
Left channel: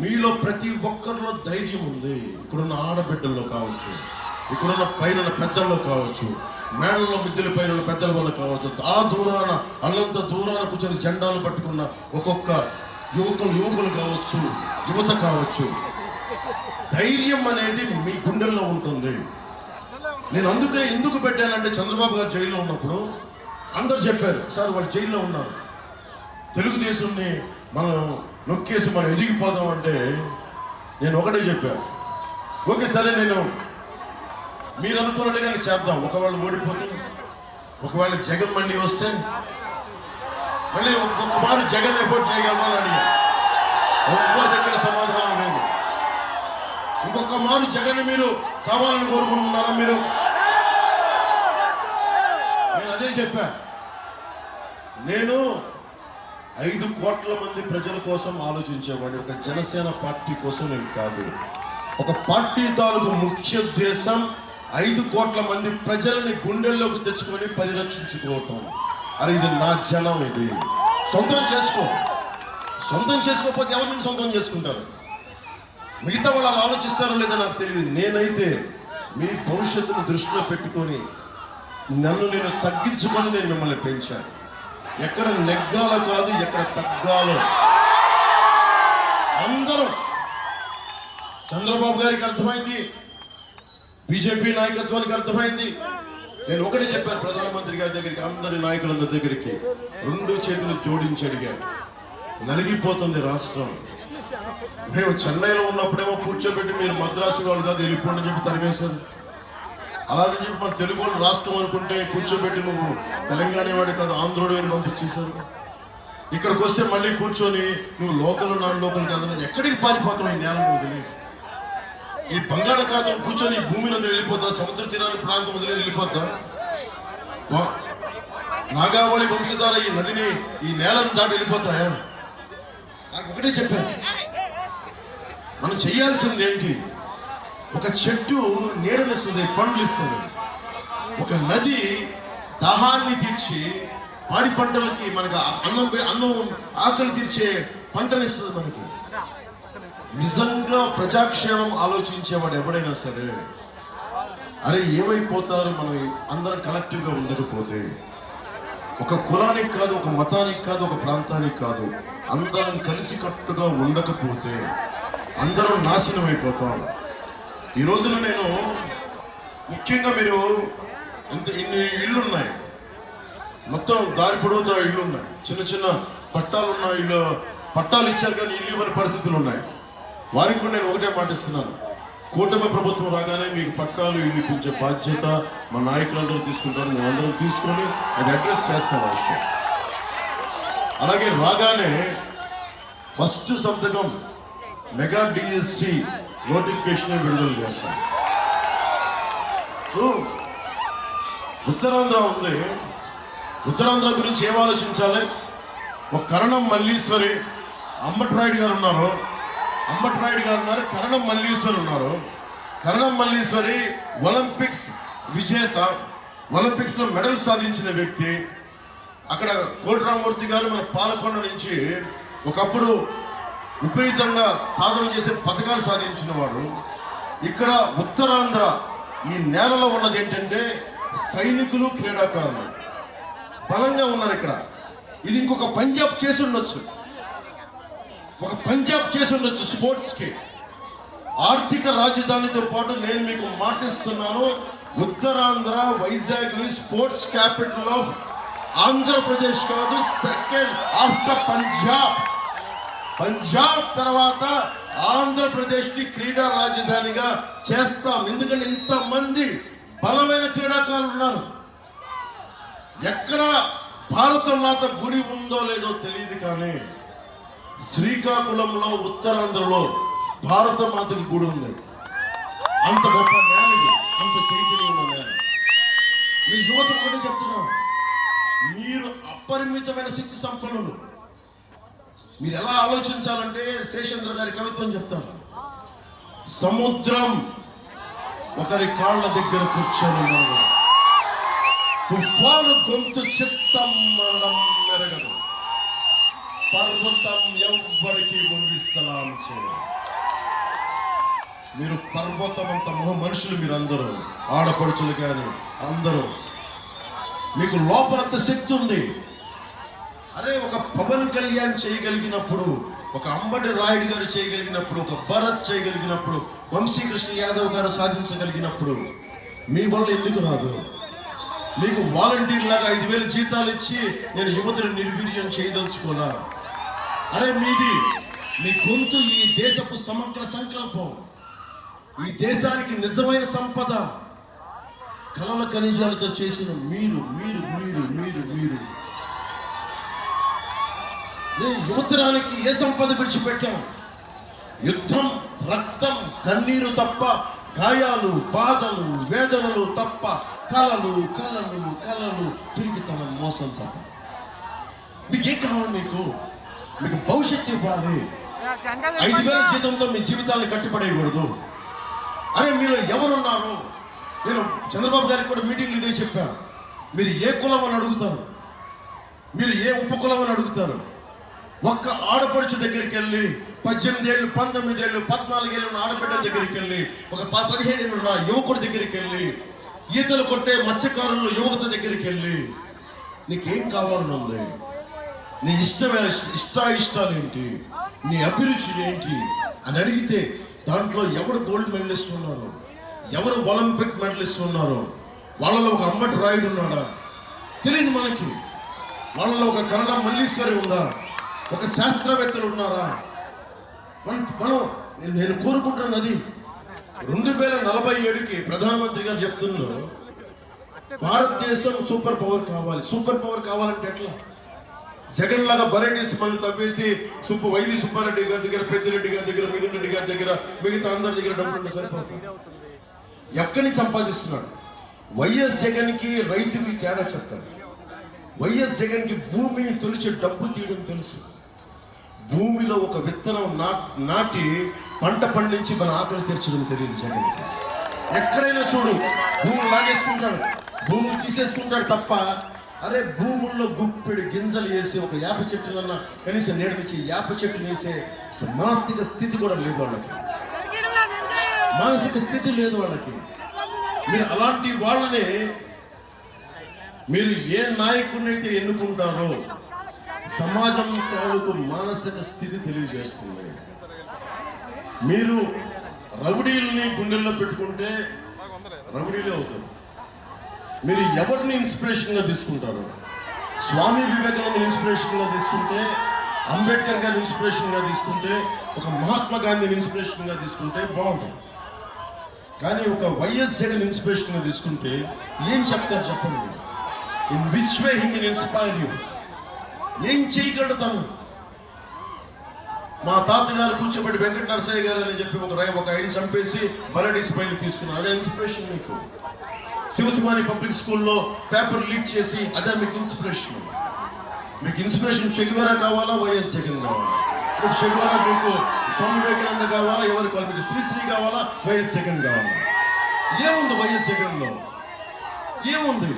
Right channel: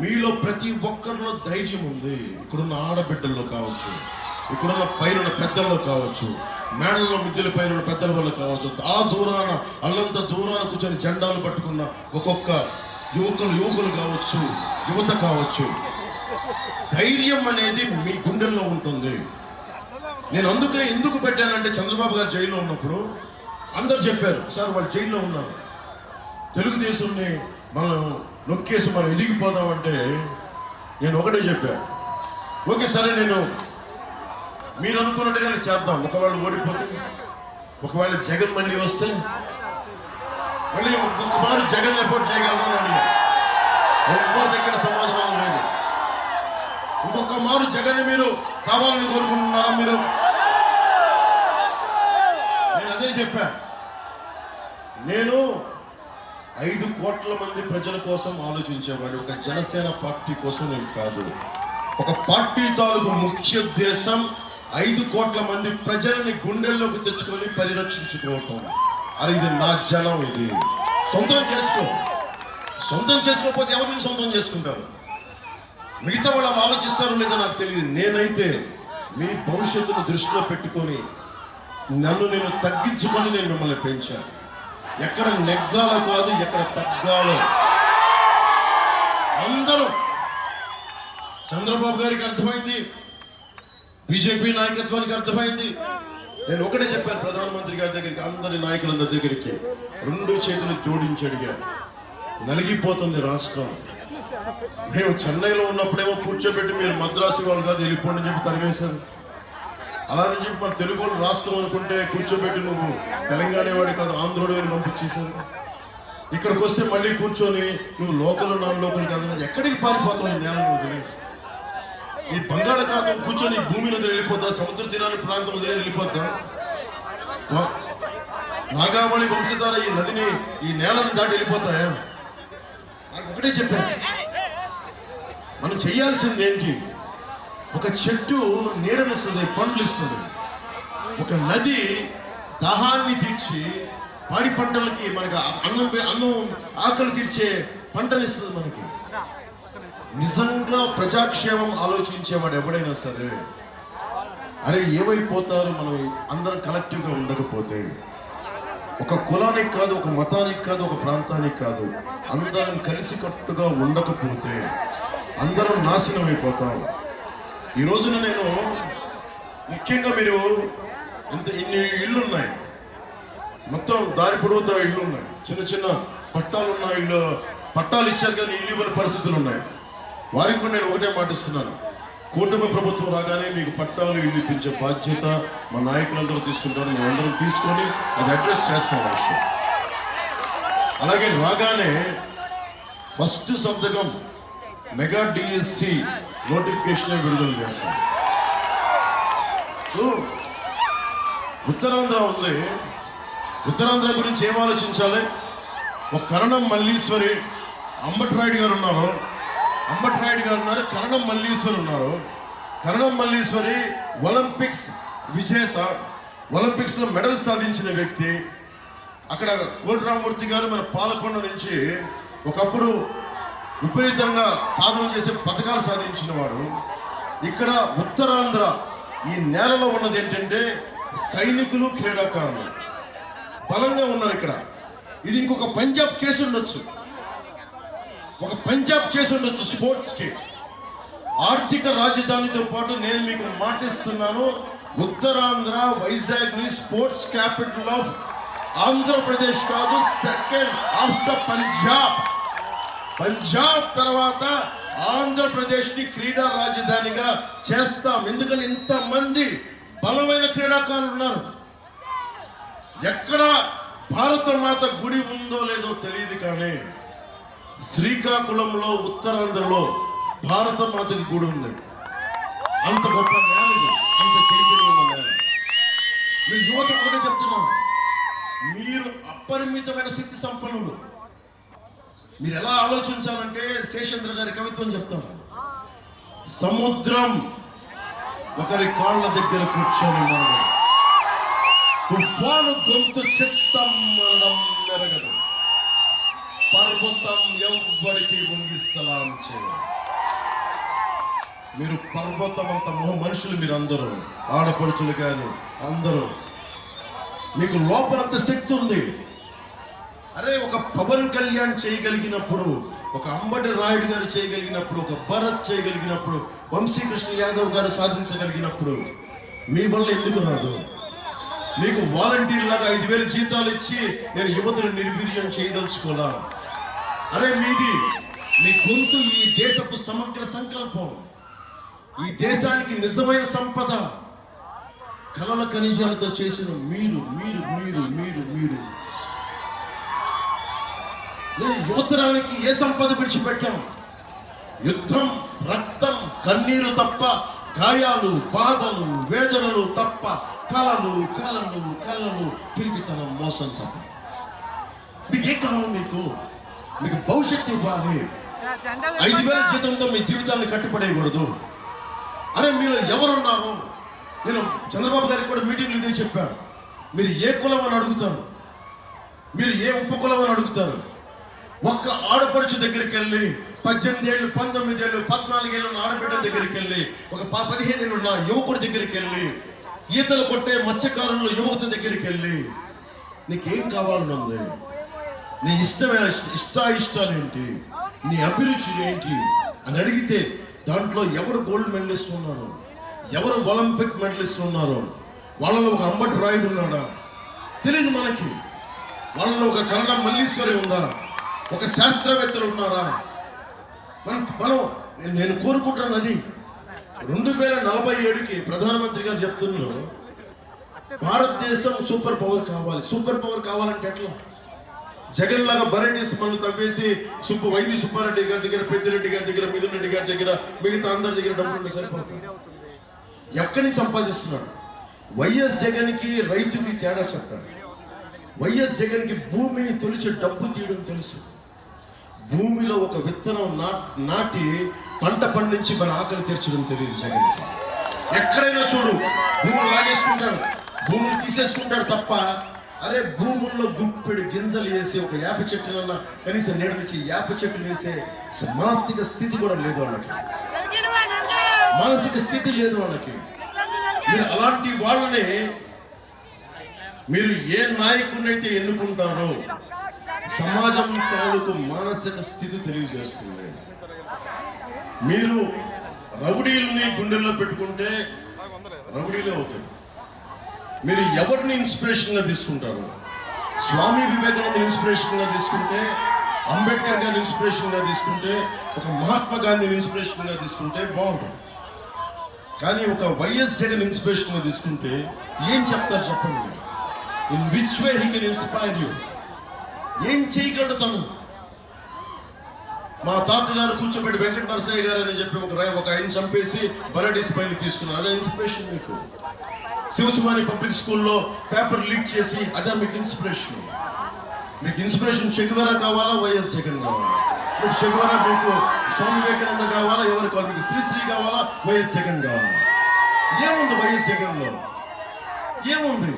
మీలో ప్రతి ఒక్కరిలో ధైర్యం ఉంది. ఇక్కడున్న ఆడబిడ్డల్లో కావచ్చు, ఇక్కడున్న పైన పెద్దల్లో కావచ్చు, మేడల్లో మిద్దెల పైన పెద్దల వల్ల కావచ్చు, ఆ దూరాన అల్లంత దూరాన కూర్చొని జెండాలు పట్టుకున్న ఒక్కొక్క యువకులు కావచ్చు, యువత కావచ్చు. ధైర్యం అనేది మీ గుండెల్లో ఉంటుంది. నేను అందుకనే ఎందుకు పెట్టానంటే, చంద్రబాబు గారు జైల్లో ఉన్నప్పుడు అందరు చెప్పారు, సార్ వాళ్ళు జైల్లో ఉన్నారు, తెలుగుదేశాన్ని మనం నొక్కేసి మనం ఎదిగిపోదాం అంటే నేను ఒకటే చెప్పాను, ఓకే సరే నేను మీరు అనుకున్నట్టుగానే చేద్దాం. ఒకవేళ ఓడిపోతే, ఒకవేళ జగన్ మళ్ళీ వస్తే మళ్ళీ ఒక్కొక్క మారు జగన్ ఎఫోర్ట్ చేయగలమని అడిగా. ఎవరి దగ్గర సమాధానం లేదు. ఇంకొక మారు జగన్ మీరు కావాలని కోరుకుంటున్నారా? మీరు నేను అదే చెప్పా. నేను 5 కోట్ల మంది ప్రజల కోసం ఆలోచించేవాడు. ఒక జనసేన పార్టీ కోసం నేను కాదు. ఒక పార్టీ తాలూకు ముఖ్య ఉద్దేశం 5 కోట్ల మంది ప్రజల్ని గుండెల్లోకి తెచ్చుకొని పరిరక్షించుకోవటం. అరే ఇది నా జనం, ఇది సొంతం చేసుకో. సొంతం చేసుకోకపోతే ఎవరిని సొంతం చేసుకుంటారు? మిగతా వాళ్ళు అలా ఆలోచిస్తారో లేదో నాకు తెలియదు. నేనైతే మీ భవిష్యత్తును దృష్టిలో పెట్టుకొని నన్ను నేను తగ్గించుకొని నేను మిమ్మల్ని పెంచాను. ఎక్కడ నెగ్గాలో కాదు, ఎక్కడ తగ్గాలో. అందరూ చంద్రబాబు గారికి అర్థమైంది, బీజేపీ నాయకత్వానికి అర్థమైంది. నేను ఒకటే చెప్పాను ప్రధానమంత్రి గారి దగ్గరికి, అందరి నాయకులందరి దగ్గరికి 2 చేతులు జోడించి అడిగాను. నలిగిపోతుంది రాష్ట్రం. మేము చెన్నైలో ఉన్నప్పుడేమో కూర్చోబెట్టి మీరు మద్రాసు వాళ్ళు కాదు వెళ్ళిపోండి అని చెప్పి తరివేశారు. అలాగే చెప్పి మన తెలుగు వాళ్ళు రాష్ట్రం అనుకుంటే కూర్చోబెట్టి నువ్వు తెలంగాణ వాడి కాదు ఆంధ్రుడు అని పంపించేశారు. ఇక్కడికి వస్తే మళ్ళీ కూర్చొని నువ్వు లోకల్ నాన్ లోకల్ కాదని ఎక్కడికి పారిపోతావు? ఈ నేలను వదిలి ఈ బంగాళాఖాతం కూర్చొని భూమిలో వెళ్ళిపోతా, సముద్ర తీరాన్ని ప్రాంతం వదిలే వెళ్ళిపోతా. నాగావళి వంశధార ఈ నదిని ఈ నేలను దాటి వెళ్ళిపోతాయా? నాకు ఒకటే చెప్పాను, మనం చేయాల్సింది ఏంటి? ఒక చెట్టు నీడనిస్తుంది, పండ్లు ఇస్తుంది. ఒక నది దాహాన్ని తీర్చి పాడి పంటలకి మనకు అన్నం ఆకలి తీర్చే పంటనిస్తుంది మనకి. నిజంగా ప్రజాక్షేమం ఆలోచించేవాడు ఎవడైనా సరే, అరే ఏమైపోతారు మనం అందరం కలెక్టివ్గా ఉండకపోతే? ఒక కులానికి కాదు, ఒక మతానికి కాదు, ఒక ప్రాంతానికి కాదు, అందరం కలిసికట్టుగా ఉండకపోతే అందరం నాశనం అయిపోతాం. ఈ రోజున నేను ముఖ్యంగా మీరు ఇన్ని ఇళ్ళు ఉన్నాయి, మొత్తం దారి పొడవుతో ఇళ్ళు ఉన్నాయి, చిన్న చిన్న పట్టాలు ఉన్న ఇళ్ళు, పట్టాలు ఇచ్చారు కానీ ఇల్లు ఇవ్వని పరిస్థితులు ఉన్నాయి. వారికి కూడా నేను ఒకటే మాటిస్తున్నాను, కూటమి ప్రభుత్వం రాగానే మీకు పట్టాలు ఇల్లు ఇప్పించే బాధ్యత మా నాయకులందరూ తీసుకుంటారు. మేమందరం తీసుకొని అది అడ్రస్ చేస్తాం ఆ విషయం. అలాగే రాగానే ఫస్ట్ సంతకం మెగా డిఎస్సి నోటిఫికేషన్ విడుదల చేస్తాం. ఉత్తరాంధ్ర ఉంది, ఉత్తరాంధ్ర గురించి ఏం ఆలోచించాలి? ఒక కరణం మల్లీశ్వరి, అంబట్రాయుడు గారు ఉన్నారు, కరణం మల్లీశ్వరి ఉన్నారు. కరణం మల్లీశ్వరి ఒలింపిక్స్ విజేత, ఒలింపిక్స్లో మెడల్ సాధించిన వ్యక్తి. అక్కడ కోటిరామూర్తి గారు మన పాలకొండ నుంచి ఒకప్పుడు విపరీతంగా సాధన చేసే పథకాలు సాధించిన వాడు. ఇక్కడ ఉత్తరాంధ్ర ఈ నేలలో ఉన్నది ఏంటంటే సైనికులు, క్రీడాకారులు బలంగా ఉన్నారు ఇక్కడ. ఇది ఇంకొక పంజాబ్ చేసి ఉండొచ్చు, ఒక పంజాబ్ చేసి ఉండొచ్చు స్పోర్ట్స్కి. ఆర్థిక రాజధానితో పాటు నేను మీకు మాటిస్తున్నాను, Uttarandhra Vizag sports capital of Andhra Pradesh కాదు, సెకండ్ ఆఫ్టర్ పంజాబ్. పంజాబ్ తర్వాత ఆంధ్రప్రదేశ్ని క్రీడా రాజధానిగా చేస్తాం. ఎందుకంటే ఇంతమంది బలమైన క్రీడాకారులు ఉన్నారు. ఎక్కడ భారత మాత గుడి ఉందో లేదో తెలియదు కానీ శ్రీకాకుళంలో ఉత్తరాంధ్రలో భారత మాతకి గుడి ఉంది. అంత గొప్ప నేల ఇది, అంత చైతన్యం ఉన్న నేల. మీరు యువత కూడా చెప్తున్నాం, మీరు అపరిమితమైన శక్తి సంపన్నులు. మీరు ఎలా ఆలోచించాలంటే శేషేంద్ర గారి కవిత్వం చెప్తాను. సముద్రం ఒకరి కాళ్ళ దగ్గర కూర్చొని మనము, తుఫాను గొంతు చిత్తం మరణం మెరగదు, పర్వతం ఎవ్వరికి ముంగిస్తలాం చేయ. మీరు పర్వతం అంత మనుషులు, మీరు అందరూ ఆడపడుచులు కానీ అందరూ, మీకు లోపలంత శక్తి ఉంది. అరే ఒక పవన్ కళ్యాణ్ చేయగలిగినప్పుడు, ఒక అంబటి రాయుడు గారు చేయగలిగినప్పుడు, ఒక భరత్ చేయగలిగినప్పుడు, వంశీకృష్ణ యాదవ్ గారు సాధించగలిగినప్పుడు మీ వల్ల ఎందుకు రాదు? మీకు వాలంటీర్ లాగా 5,000 జీతాలు ఇచ్చి నేను యువతను నిర్వీర్యం చేయదలుచుకోలా. అరే మీది, మీ గొంతు ఈ దేశపు సమగ్ర సంకల్పం, ఈ దేశానికి నిజమైన సంపద, కలల ఖనిజాలతో చేసిన మీరు మీరు మీరు మీరు మీరు యువతరానికి ఏ సంపద విడిచిపెట్టాం? యుద్ధం, రక్తం, కన్నీరు తప్ప, గాయాలు, బాధలు, వేదనలు తప్ప, కలలు కలలు కలలు, పిరికితనం, మోసం తప్ప. మీకు ఏం కావాలి? మీకు భవిష్యత్తు ఇవ్వాలి. 5,000 జీతంతో మీ జీవితాన్ని కట్టుపడేయకూడదు. అరే మీరు ఎవరున్నారు? నేను చంద్రబాబు గారికి కూడా మీటింగ్లు ఇదే చెప్పాను. మీరు ఏ కులం అని అడుగుతారు, మీరు ఏ ఉపకులం అని అడుగుతారు. ఒక్క ఆడపడుచు దగ్గరికి వెళ్ళి 18 ఏళ్ళు 19 ఏళ్ళు 14 ఏళ్ళు ఆడబిడ్డ దగ్గరికి వెళ్ళి, ఒక 15 ఏళ్ళు ఉన్న యువకుడి దగ్గరికి వెళ్ళి, ఈతలు కొట్టే మత్స్యకారుల యువత దగ్గరికి వెళ్ళి, నీకేం కావాలనుంది, నీ ఇష్టమైన ఇష్టాలు ఏంటి, నీ అభిరుచి ఏంటి అని అడిగితే దాంట్లో ఎవరు గోల్డ్ మెడలిస్ట్ ఉన్నారు, ఎవరు ఒలింపిక్ మెడలిస్ట్ ఉన్నారు, వాళ్ళలో ఒక అంబటి రాయుడు ఉన్నాడా తెలియదు మనకి, వాళ్ళలో ఒక కన్నడ మల్లీశ్వరి ఉందా, ఒక శాస్త్రవేత్తలు ఉన్నారా? నేను కోరుకుంటున్నది అది 2047కి ప్రధానమంత్రి గారు చెప్తున్నారు భారతదేశం సూపర్ పవర్ కావాలి. సూపర్ పవర్ కావాలంటే ఎట్లా? జగన్ లాగా వెరైటీస్ మళ్ళీ తవ్వేసి వైవి సుబ్బారెడ్డి గారి దగ్గర, పెద్దిరెడ్డి గారి దగ్గర, మిథున్ రెడ్డి గారి దగ్గర, మిగతా అందరి దగ్గర డబ్బులు ఉంటే సరిపోతుంది. ఎక్కడి నుంచి సంపాదిస్తున్నాడు? వైఎస్ జగన్కి రైతుకి తేడా చెప్తారు. వైఎస్ జగన్కి భూమిని తొలిచే డబ్బు తీయడం తెలుసు. భూమిలో ఒక విత్తనం నాటి పంట పండించి మన ఆకలి తీర్చడం తెలియదు జగన్కి. ఎక్కడైనా చూడు భూములు లాగేసుకుంటాడు, భూములు తీసేసుకుంటాడు తప్ప, అరే భూముల్లో గుప్పెడు గింజలు వేసి ఒక యాప చెట్టునన్నా కనీసం నేడనిచ్చి యాప చెట్టును వేసే మానసిక స్థితి కూడా లేదు వాళ్ళకి. మానసిక స్థితి లేదు వాళ్ళకి. మీరు అలాంటి వాళ్ళనే మీరు ఏ నాయకుడినైతే ఎన్నుకుంటారో సమాజం తాలూకు మానసిక స్థితి తెలియజేస్తుంది. మీరు రౌడీల్ని గుండెల్లో పెట్టుకుంటే రౌడీలే అవుతారు. మీరు ఎవరిని ఇన్స్పిరేషన్గా తీసుకుంటారు? స్వామి వివేకానంద ఇన్స్పిరేషన్గా తీసుకుంటే, అంబేద్కర్ గారిని ఇన్స్పిరేషన్గా తీసుకుంటే, ఒక మహాత్మా గాంధీని ఇన్స్పిరేషన్గా తీసుకుంటే బాగుంటుంది. కానీ ఒక వైఎస్ జగన్ ఇన్స్పిరేషన్గా తీసుకుంటే ఏం చెప్తారు చెప్పండి? In which way he can inspire you? ఏం చేయగలడు తను? మా తాతగారు కూర్చోబెట్టి వెంకట నరసయ్య గారు అని చెప్పి ఒక ఆయన చంపేసి బరడీస్ పైన తీసుకున్నారు. అదే ఇన్స్పిరేషన్ మీకు? శివసుమాని పబ్లిక్ స్కూల్లో పేపర్ లీక్ చేసి అదే మీకు ఇన్స్పిరేషన్? మీకు ఇన్స్పిరేషన్ చెగువేరా కావాలా, వైఎస్ జగన్ కావాలా? మీకు చెగువేరా, మీకు స్వామి వివేకానంద కావాలా, ఎవరు కావాలి? మీకు శ్రీశ్రీ కావాలా, వైఎస్ జగన్ కావాలా? ఏముంది వైఎస్ జగన్లో? ఏముంది?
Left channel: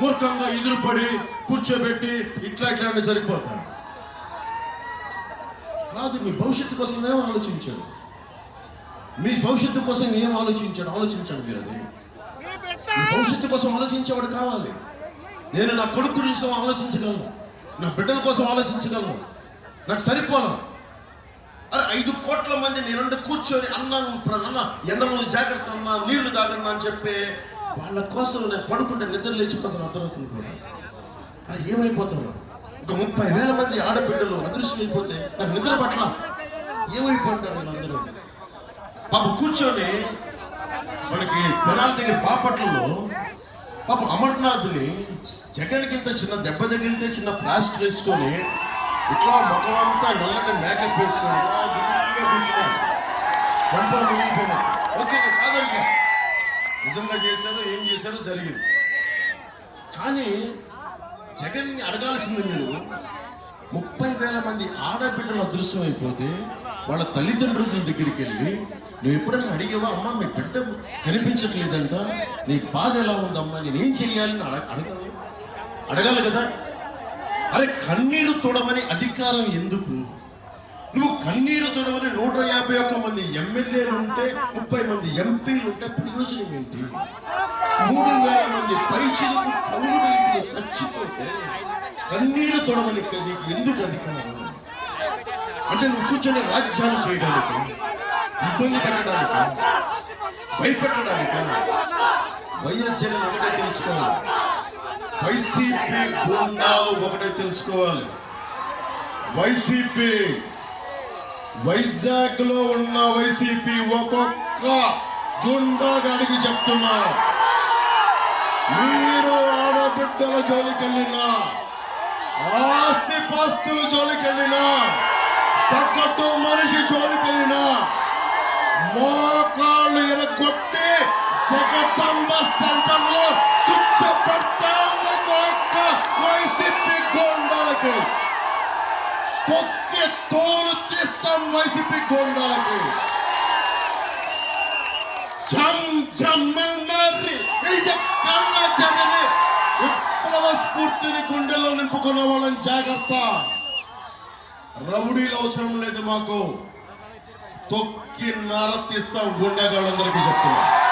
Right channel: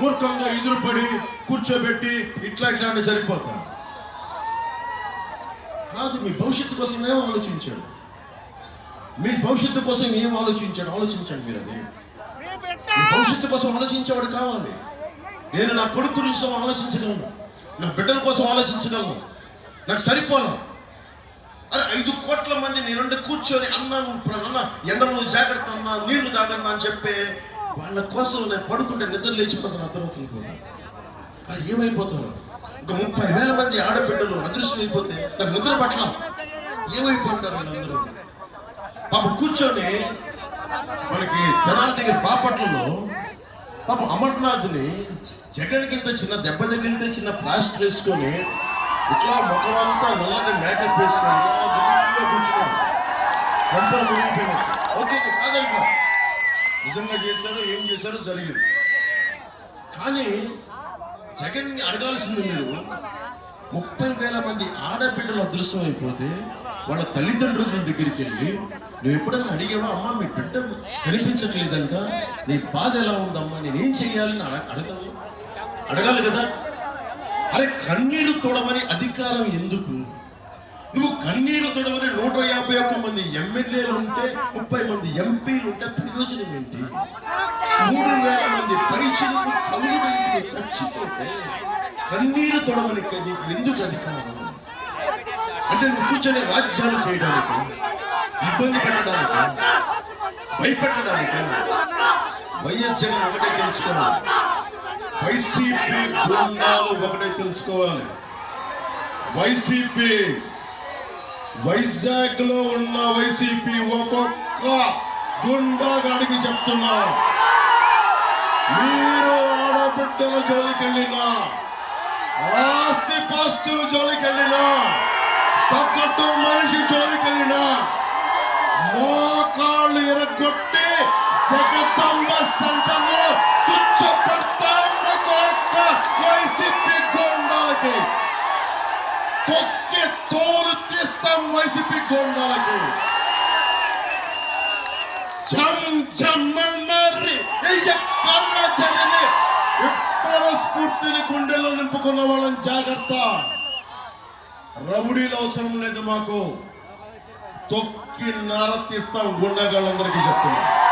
మూర్ఖంగా ఎదురుపడి కూర్చోబెట్టి ఇట్లా అంటే సరిపోతా కాదు. మీ భవిష్యత్తు కోసం ఏం ఆలోచించాడు? మీ భవిష్యత్తు కోసం ఏం ఆలోచించండి మీరు. అది మీ భవిష్యత్తు కోసం ఆలోచించేవాడు కావాలి. నేను నా కొడుకు గురించి ఆలోచించగలను, నా బిడ్డల కోసం ఆలోచించగలను. నాకు సరిపోలా. అరే 5 కోట్ల మంది నేనుండి కూర్చొని అన్న ఎండలో జాగ్రత్త అన్నా, నీళ్లు తాగన్నా అని చెప్పి వాళ్ళ కోసం నేను పడుకుంటే నిద్ర లేచిపోతాను అర్ధరాత్రులు కూడా. అరే ఏమైపోతారు? ఒక 30,000 మంది ఆడబిడ్డలు అదృశ్యం అయిపోతే నాకు నిద్ర పట్ల ఏమైపోతారు వీళ్ళందరూ? పాపం కూర్చొని మనకి తనాల దగ్గర బాపట్లలో పాపం అమర్నాథ్ని జగన్ కింద చిన్న దెబ్బ తగిలితే చిన్న ప్లాస్టర్ వేసుకొని ఇట్లా ముఖమంతా నల్లటి మేకప్ వేసుకొని కూర్చున్నాడు. కొంపలు మునిగిపోయినాడు. ఓకే కాదండి, నిజంగా చేశారు, ఏం చేశారో జరిగింది. కానీ జగన్ని అడగాల్సింది మీరు 30,000 మంది ఆడబిడ్డలు అదృశ్యం అయిపోతే వాళ్ళ తల్లిదండ్రుల దగ్గరికి వెళ్ళి నువ్వు ఎప్పుడన్నా అడిగావా, అమ్మ మీ బిడ్డ కనిపించట్లేదంట, నీ బాధ ఎలా ఉందమ్మా, నేనేం చెయ్యాలని అడగాలి కదా. అరే కన్నీరు తొడవని అధికారం ఎందుకు? నువ్వు కన్నీరు తొడవని 151 మంది ఎమ్మెల్యేలు ఉంటే, 30 మంది ఎంపీలు ఉంటే ప్రయోజనం ఏంటి? 3,000 మంది పైచిలకు కౌలు రైతులు చచ్చిపోతే కన్నీరు తొడవని నీకు ఎందుకు అధికారం? అంటే నువ్వు కూర్చొని రాజ్యాలు చేయడానికి, ఇబ్బంది పెట్టడానికి, భయపెట్టడానికి. వైఎస్ జగన్ ఒకటే తెలుసుకోవాలి, వైసీపీ గుండాలు ఒకటే తెలుసుకోవాలి. వైసీపీ వైజాగ్ లో ఉన్న వైసీపీ ఒక్కొక్క గుండాగాడికి చెప్తున్నా, మీరు ఆడబిడ్డల జోలికెళ్ళినా, ఆస్తి పాస్తుల జోలికెళ్ళినా, సగటు మనిషి జోలికెళ్ళినా మోకాళ్ళు ఇరగొట్టి జగదంబ సెంటర్లో కూర్చోబెడతాం వైసీపీ గుండాలకి. తొక్కి తోలు తీస్తాం వైసీపీ గోండాలకి. జరిగి విప్లవ స్ఫూర్తిని గుండెల్లో నింపుకున్న వాళ్ళని జాగ్రత్త. రౌడీలు అవసరం లేదు మాకు, తొక్కి నరతిస్తాం గుండాగాళ్ళందరికీ చెప్తున్నాం.